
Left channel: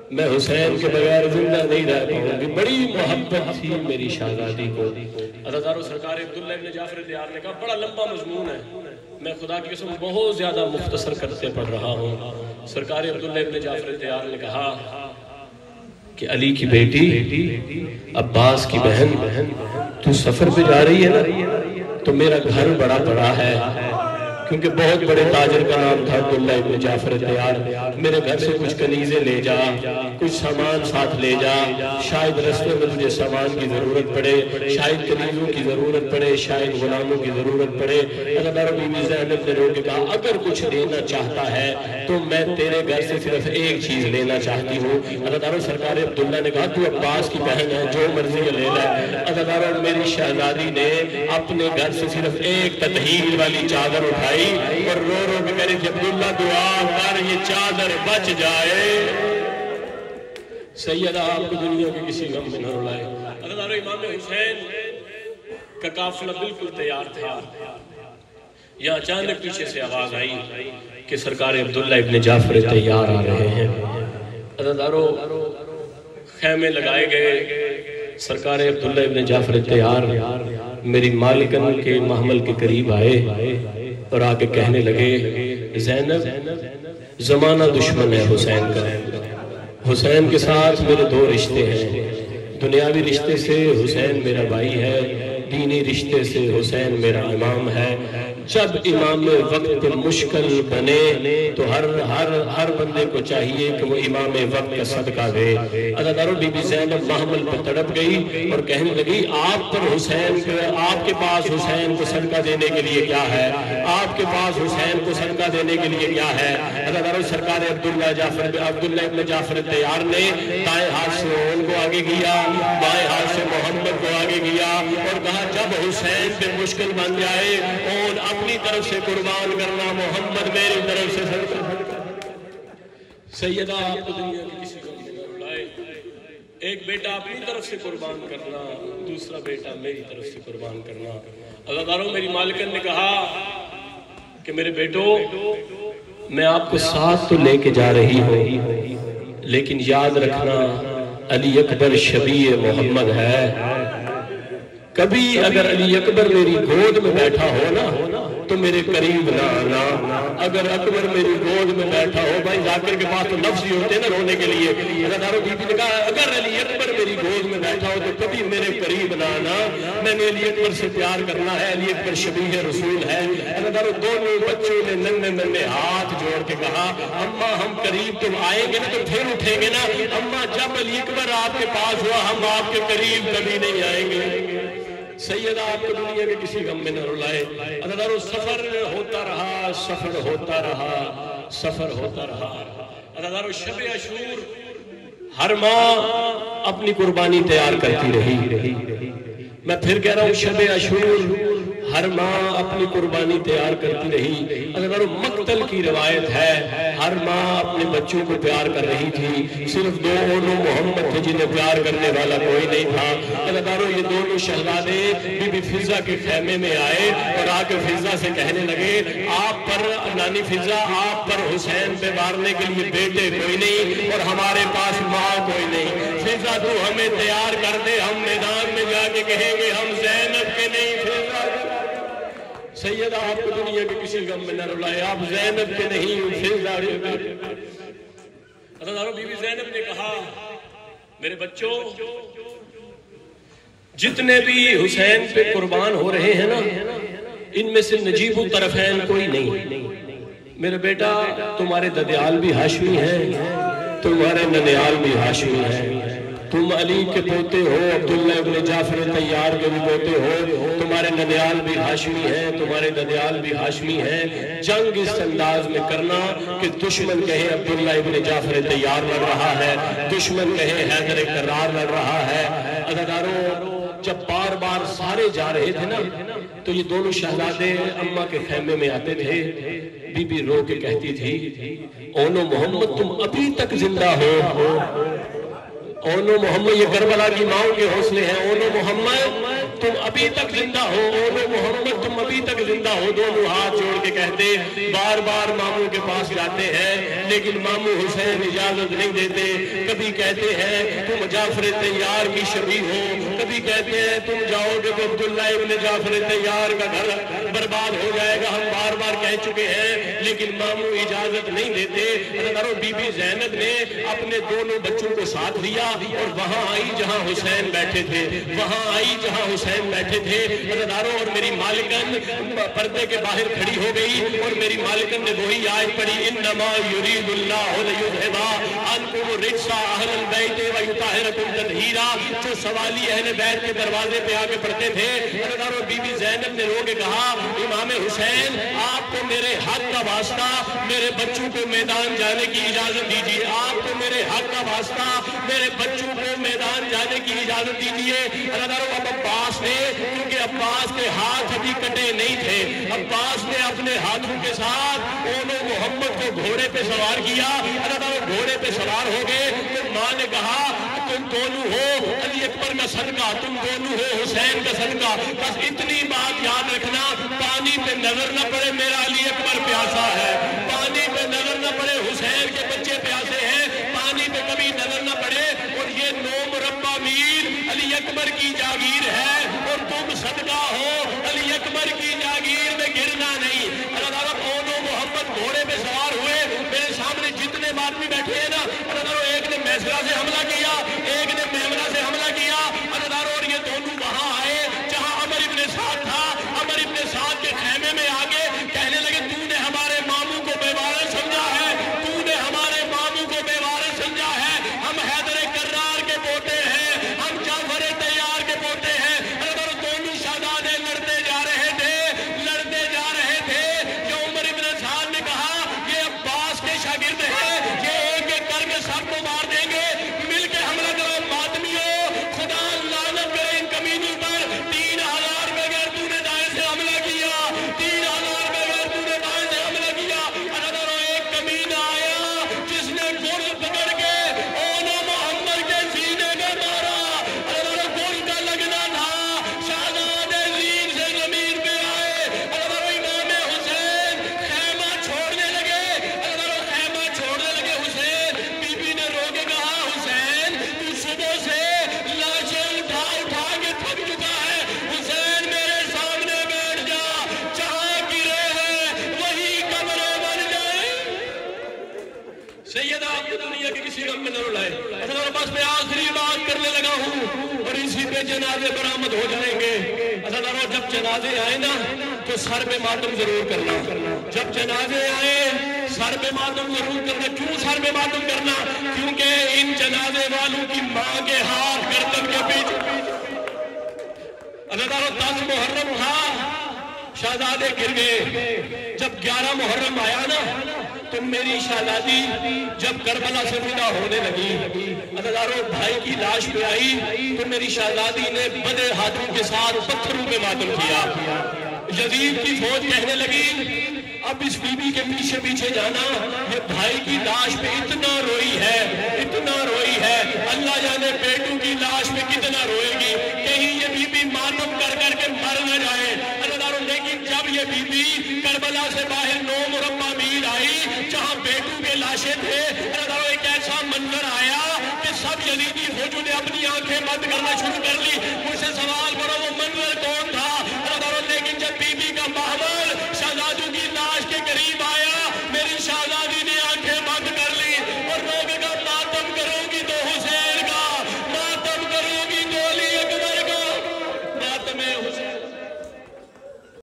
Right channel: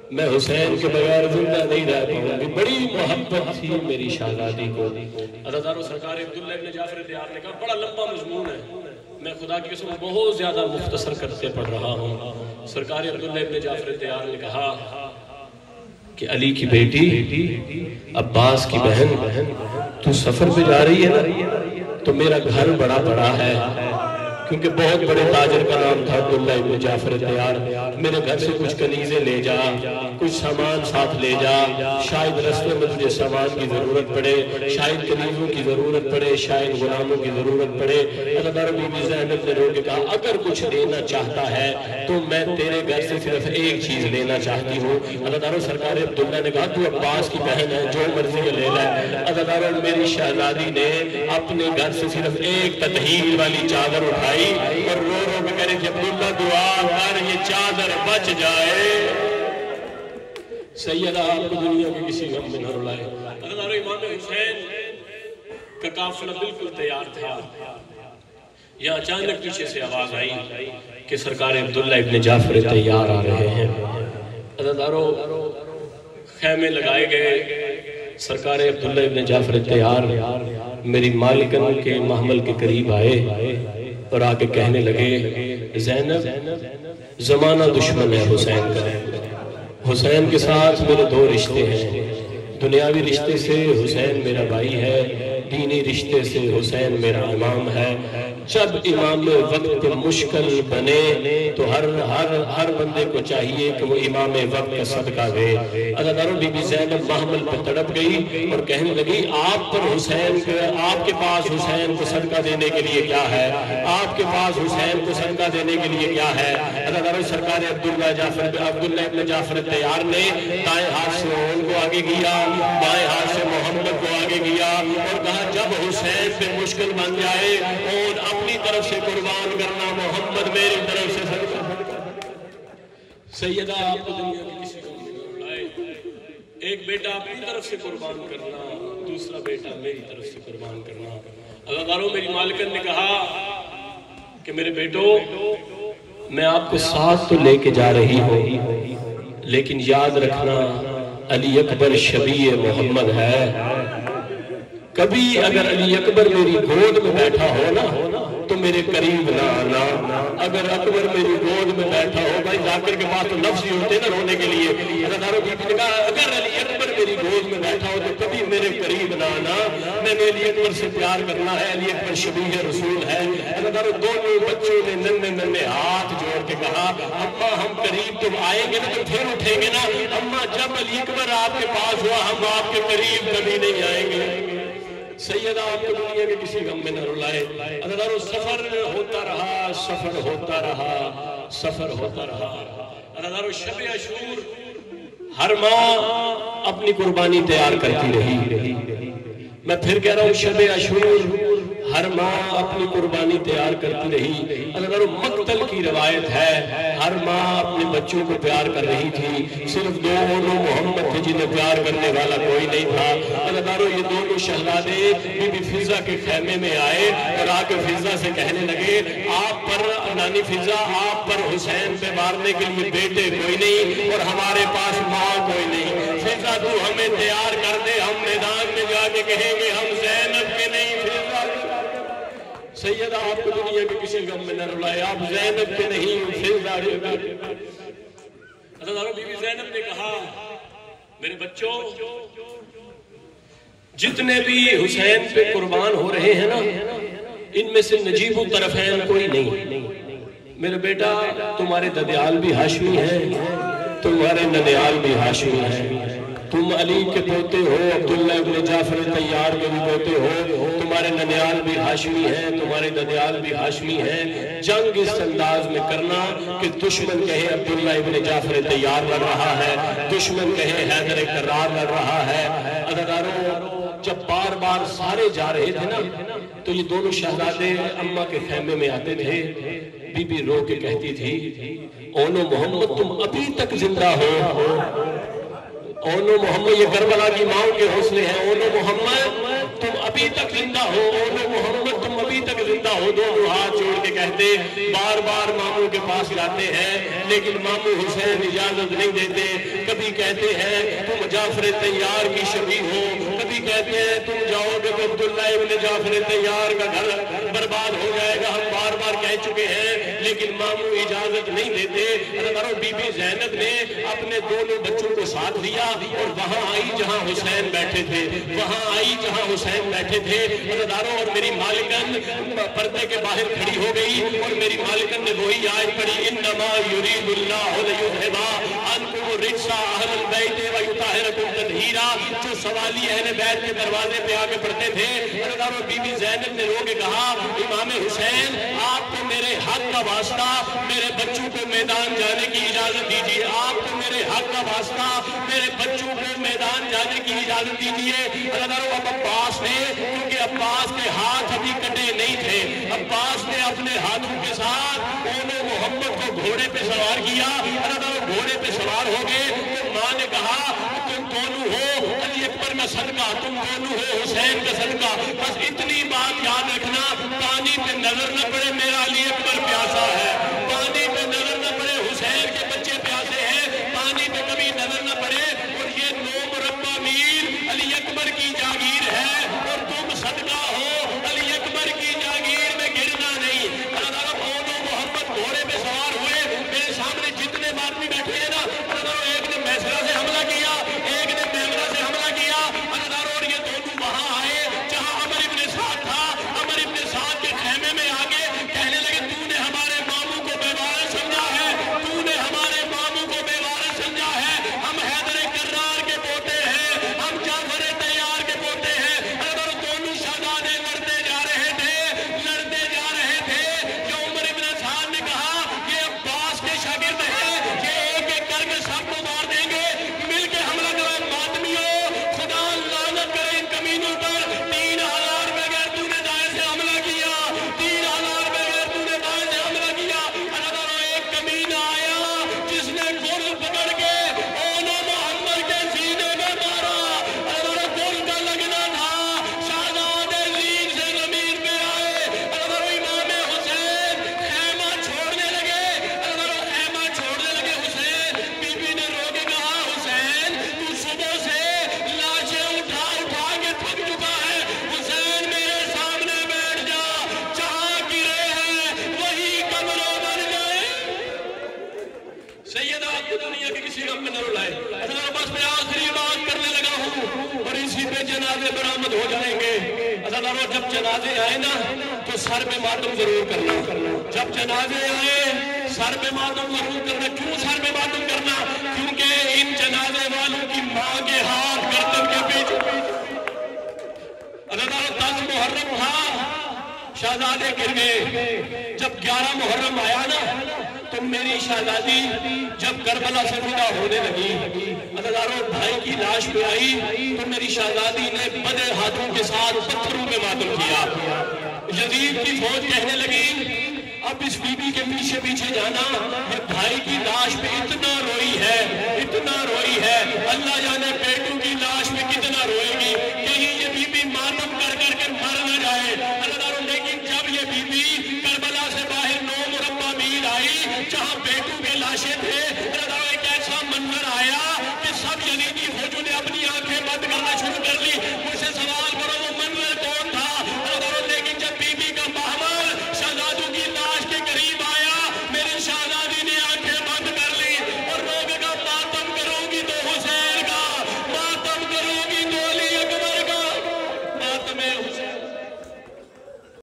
میں حسین کے بغیر زندہ نہیں رہ پاؤں گی. بڑی محبت تھی میری شہزادی کو. عزادارو سرکار عبداللہ ابن جعفر طیار نے کہا بڑا لمبا مضمون ہے, میں خدا کی قسم بہت زیادہ مختصر کرتے پڑھ رہا ہوں. سرکار عبداللہ ابن جعفر طیار نے کہا کہ علی کی بیٹی, عباس کی بہن, تو سفر پہ جا رہی ہے نا, تو میرا گھر بڑا بڑا ہے, کیونکہ بہت بڑے تاجر کا نام تھا عبداللہ ابن جعفر طیار. میرے گھر سے کچھ کنیزیں لے جا, کچھ سامان ساتھ لے جا, شاید رستے میں تجھے سامان کی ضرورت پڑے, شاید کنیزوں کی ضرورت پڑے, شاید غلاموں کی ضرورت پڑے. عزادارو بی بی زینب نے رو کے کہا اگر کچھ لینا چاہتا ہے تو میں تیرے گھر سے صرف ایک چیز لینا چاہتی ہوں. عزادارو سرکار عبداللہ نے کہا تو عباس کی بہن ہے, جو مرضی لے لے. عزادارو میری شہزادی نے اپنے گھر سے صرف ایک تطہیر والی چادر اٹھائی اور رو رو کے کہہ رہی تھی عبداللہ دعا کر یہ چادر بچ جائے. سیدہ آپ کو دنیا کے کسی غم میں نہ رلائے. عزادارو امام حسین کا قافلہ بالکل تیار تھا. یہاں اچانک پیچھے سے آواز آئی کہ سرکار عبداللہ ابن جعفر طیار آ رہے ہیں. عزادارو خیمے لگائے گئے. سرکار عبداللہ ابن جعفر طیار میری مالکن کے محمل کے قریب آئے اور آگے کہنے لگے زینب زمانہ دشمن ہے حسین کا, حسین کے ساتھ میرے دو رشتے ہیں. دنیاوی رشتے سے حسین میرا بھائی ہے, دینی رشتے سے حسین میرا امام ہے. جب امام وقت مشکل بنے تو ہر بندے کو چاہیے کہ وہ امام وقت کا صدقہ دے. عزادارو بی بی زینب محمل پر تڑپ گئی اور کہنے لگی آپ پر حسین, آپ کے پاس حسین کو صدقہ دینے کے لیے کیا ہے, آپ کے پاس حسین کو صدقہ دینے کے لیے کیا ہے. عزادارو سرکار عبداللہ ابن جعفر طیار نے دائیں ہاتھ سے ان کو آگے کیا, بائیں ہاتھ سے محمد کو آگے کیا اور کہا جب حسین پہ مشکل بن جائے اور اپنی طرف سے قربان کرنا, محمد میری طرف سے صدقہ. سیدہ آپ کو دنیا کی کسی غم میں نہ رلائے. ایک بیٹا اپنی طرف سے قربان کرنا, دوسرا بیٹا میری طرف سے قربان کرنا. عزادارو میری مالکن نے کہا کہ میرے بیٹو میں آپ کو ساتھ تو لے کے جا رہی ہوں, لیکن یاد رکھنا علی اکبر شبیہ محمد ہے. کبھی اگر علی اکبر میری گود میں بیٹھا ہو نا تو میرے قریب نہ آنا. اگر اکبر میری گود میں بیٹھا ہو, بھائی ذاکر کے پاس تو لفظ ہی ہوتے نا رونے کے لیے. عزادارو بی بی نے کہا اگر علی اکبر میری گود میں بیٹھا ہو تو کبھی میرے قریب نہ آنا, میں نے علی اکبر سے پیار کرنا ہے, علی اکبر شبیہ رسول ہے. عزادارو دونوں بچوں نے ننھے ہاتھ جوڑ کے کہا اماں ہم قریب تم آئیں گے نا تو پھر اٹھیں گے نا, اماں جب علی اکبر آپ کے پاس ہوا ہم آپ کے قریب کبھی نہیں آئیں گے. سیدہ آپ کو دنیا کے کسی غم میں نہ رلائے. عزادارو سفر ہوتا رہا, سفر ہوتا رہا, سفر ہوتا رہا. عزادارو شب عاشور ہر ماں اپنی قربانی تیار کرتی رہی. میں پھر کہہ رہا ہوں شب عاشور ہر ماں اپنی قربانی تیار کرتی رہی. عزادارو مقتل کی روایت ہے, ہر ماں اپنے بچوں کو پیار کر رہی تھی, صرف دو محمد تھے جنہیں پیار کرنے والا کوئی نہیں تھا. عزادارو یہ دونوں شہزادے بی بی فضہ کے خیمے میں آئے اور آ کے فضہ سے کہنے لگے آپ پر نانی فضہ, آپ پر حسین پہ مارنے کے لیے بیٹے کوئی نہیں اور ہمارے پاس ماں کوئی نہیں. فضہ تو ہمیں تیار کر دے, ہم میدان میں جا کے کہیں گے ہم زینب کے نہیں. سیدہ آپ کو دنیا کے کسی غم میں نہ رلائے, آپ زینب کے نہیں فضہ کے. عزادارو بی بی زینب نے کہا میرے بچوں جتنے بھی حسین پہ قربان ہو رہے ہیں نا ان میں سے نجیب الطرفین کوئی نہیں. میرے بیٹا تمہارے ددیال بھی ہاشمی ہیں, تمہارے ننیال بھی ہاشمی ہیں, تم علی کے پوتے ہو, عبداللہ ابن جعفر طیار کے بھی پوتے ہو, تمہارے ننیال بھی ہاشمی ہیں, تمہارے ددیال بھی ہاشمی ہیں. جنگ اس انداز میں کرنا کہ دشمن کہے عبداللہ ابن جعفر طیار لڑ رہا ہے, دشمن کہے حیدر کرار لڑ رہا ہے. عزادارو جب بار بار سارے جا رہے تھے نا تو یہ دونوں شہزادے اماں کے خیمے میں آتے تھے. بی بی رو کے کہتی تھی اونو محمد تم ابھی تک زندہ ہو, اونو محمد, یہ کربلا کی ماؤں کے حوصلے ہیں, اونو محمد تم ابھی تک زندہ ہو, اونو محمد تم ابھی ابھی تک زندہ ہو دونوں ہاتھ جوڑ کے کہتے بار بار ماموں کے پاس جاتے ہیں لیکن ماموں حسین اجازت نہیں دیتے. کبھی کہتے ہیں تم جعفر طیار کی شبیہ ہو, کبھی کہتے ہیں تم جاؤ گے تو عبداللہ ابن جعفر طیار کا گھر برباد ہو جائے گا. ہم بار بار کہہ چکے ہیں لیکن ماموں اجازت نہیں دیتے. بی بی زینب نے اپنے دونوں بچوں کو ساتھ لیا اور وہاں آئی جہاں حسین بیٹھے تھے, وہاں آئی جہاں حسین بیٹھے تھے. اور میری مالکن پردے کے باہر کھڑی ہو گئی اور میری مالکن نے وہی آیت پڑھی انما یرید اللہ لیذھب عنکم الرجس اہل البیت ویطہرکم تطہیرا, جو سوالی اہل بیت کے دروازے پہ آ کے پڑھتے تھے. بی بی زینب نے رو کے کہا امام حسین آپ کو میرے حق کا واسطہ میرے بچوں کو میدان جانے کی اجازت دیجیے, آپ کو میرے حق کا واسطہ میرے بچوں کو میدان جانے کی اجازت دیجیے. اب عباس نے, کیونکہ عباس کے ہاتھ ابھی کٹے نہیں تھے, عباس نے اپنے ہاتھوں کے ساتھ اونو محمد کو گھوڑے پہ سوار کیا. گھوڑے پہ سوار ہو گئے تو ماں نے کہا تم دونوں ہو علی اکبر کا صدقہ, تم دونوں ہو حسین کا صدقہ, بس اتنی بات یاد رکھنا پانی پہ نظر نہ پڑے میرا علی اکبر پیاسا ہے, پانی پہ نظر نہ پڑے حسین کے بچے پیاسے ہیں, پانی پہ کبھی نظر نہ پڑے. اور یہ 9 مربع میل علی اکبر کی جاگیر ہے اور تم صدقہ ہو علی اکبر کی جاگیر میں گرنا نہیں. اونو محمد گھوڑے پہ سوار ہوئے, میرے سامنے جتنے آدمی بیٹھے ہیں نا, ایک نے میسرا سے حملہ کیا, ایک نے میمنہ سے حملہ کیا, اور یہ دونوں وہاں آئے جہاں عمر ابن سعد تھا. عمر ابن سعد کے خیمے میں آگے کہنے لگے تو نے ہمارے ماموں کو بے وارث سمجھا ہے, تو نے ہمارے ماموں کو بے وارث سمجھا ہے, ہم حیدر کرار کے پوتے ہیں, ہم جعفر طیار کے پوتے ہیں. دونوں شہزادے لڑتے جا رہے تھے, لڑتے جا رہے تھے کہ عمر ابن سعد نے کہا یہ عباس کے شاگرد ہیں, یہ ایک ایک کر کے سب کو مار دیں گے, مل کے حملہ کرو. ماتمیوں خدا لعنت کرے ان کمینوں پر, 3000 بغیر تو نے دائیں سے حملہ کیا, 3000 بغیر تو نے بائیں سے حملہ کیا. ایک کمینہ آیا جس نے گل پکڑ کے اونو محمد کے سینے میں مارا. گل کا لگنا تھا, شہزادے زین سے زمین پہ آئے. امام حسین خیمہ چھوڑنے لگے, خیمہ چھوڑنے لگے. حسین بی بی نے رو کے کہا حسین تو صبح سے لاشیں اٹھا اٹھا کے تھک چکا ہے, حسین میرے سامنے بیٹھ جا, جہاں گرے ہیں وہی قبروں بن جائے. سیدہ آپ کو دنیا کے کسی غم میں نہ رلائے. بس میں آخری بات کرنے لگا ہوں اور اسی پہ جنازے برآمد ہو جائیں گے. جب جنازے آئے نا تو سر پہ ماتم ضرور کرنا, جب جنازے آئے سر پہ ماتم ضرور کرنا. کیوں سر پہ ماتم کرنا؟ کیونکہ ان جنازے والوں کی ماں کے ہاتھ گردن کے پیچھے. 10 محرم تھا, شہزادے گر گئے. جب 11 محرم آیا نا تو میری شہزادی جب کربلا سے فدا ہونے لگی, بھائی کی لاش پہ آئی تو میری شہزادی نے بدے ہاتھوں کے ساتھ پتھروں پہ ماتم کیا. یزید کی فوج کہنے لگی اب اس بی بی کے پیچھے پیچھے جانا, یہ بھائی کی لاش پہ اتنا روئی ہے, اتنا روئی ہے, اللہ جانے بیٹوں کی لاش پہ کتنا روئے گی, کہیں یہ بی بی ماتم کر کر کے مر نہ جائے. لیکن جب یہ بی بی کربلا سے باہر 9 مربع میل آئی جہاں بیٹوں کے لاشیں تھے, ایک ایسا منظر آیا کہ سب یزیدی فوجوں نے اپنی آنکھیں بند کرنا شروع کر لی.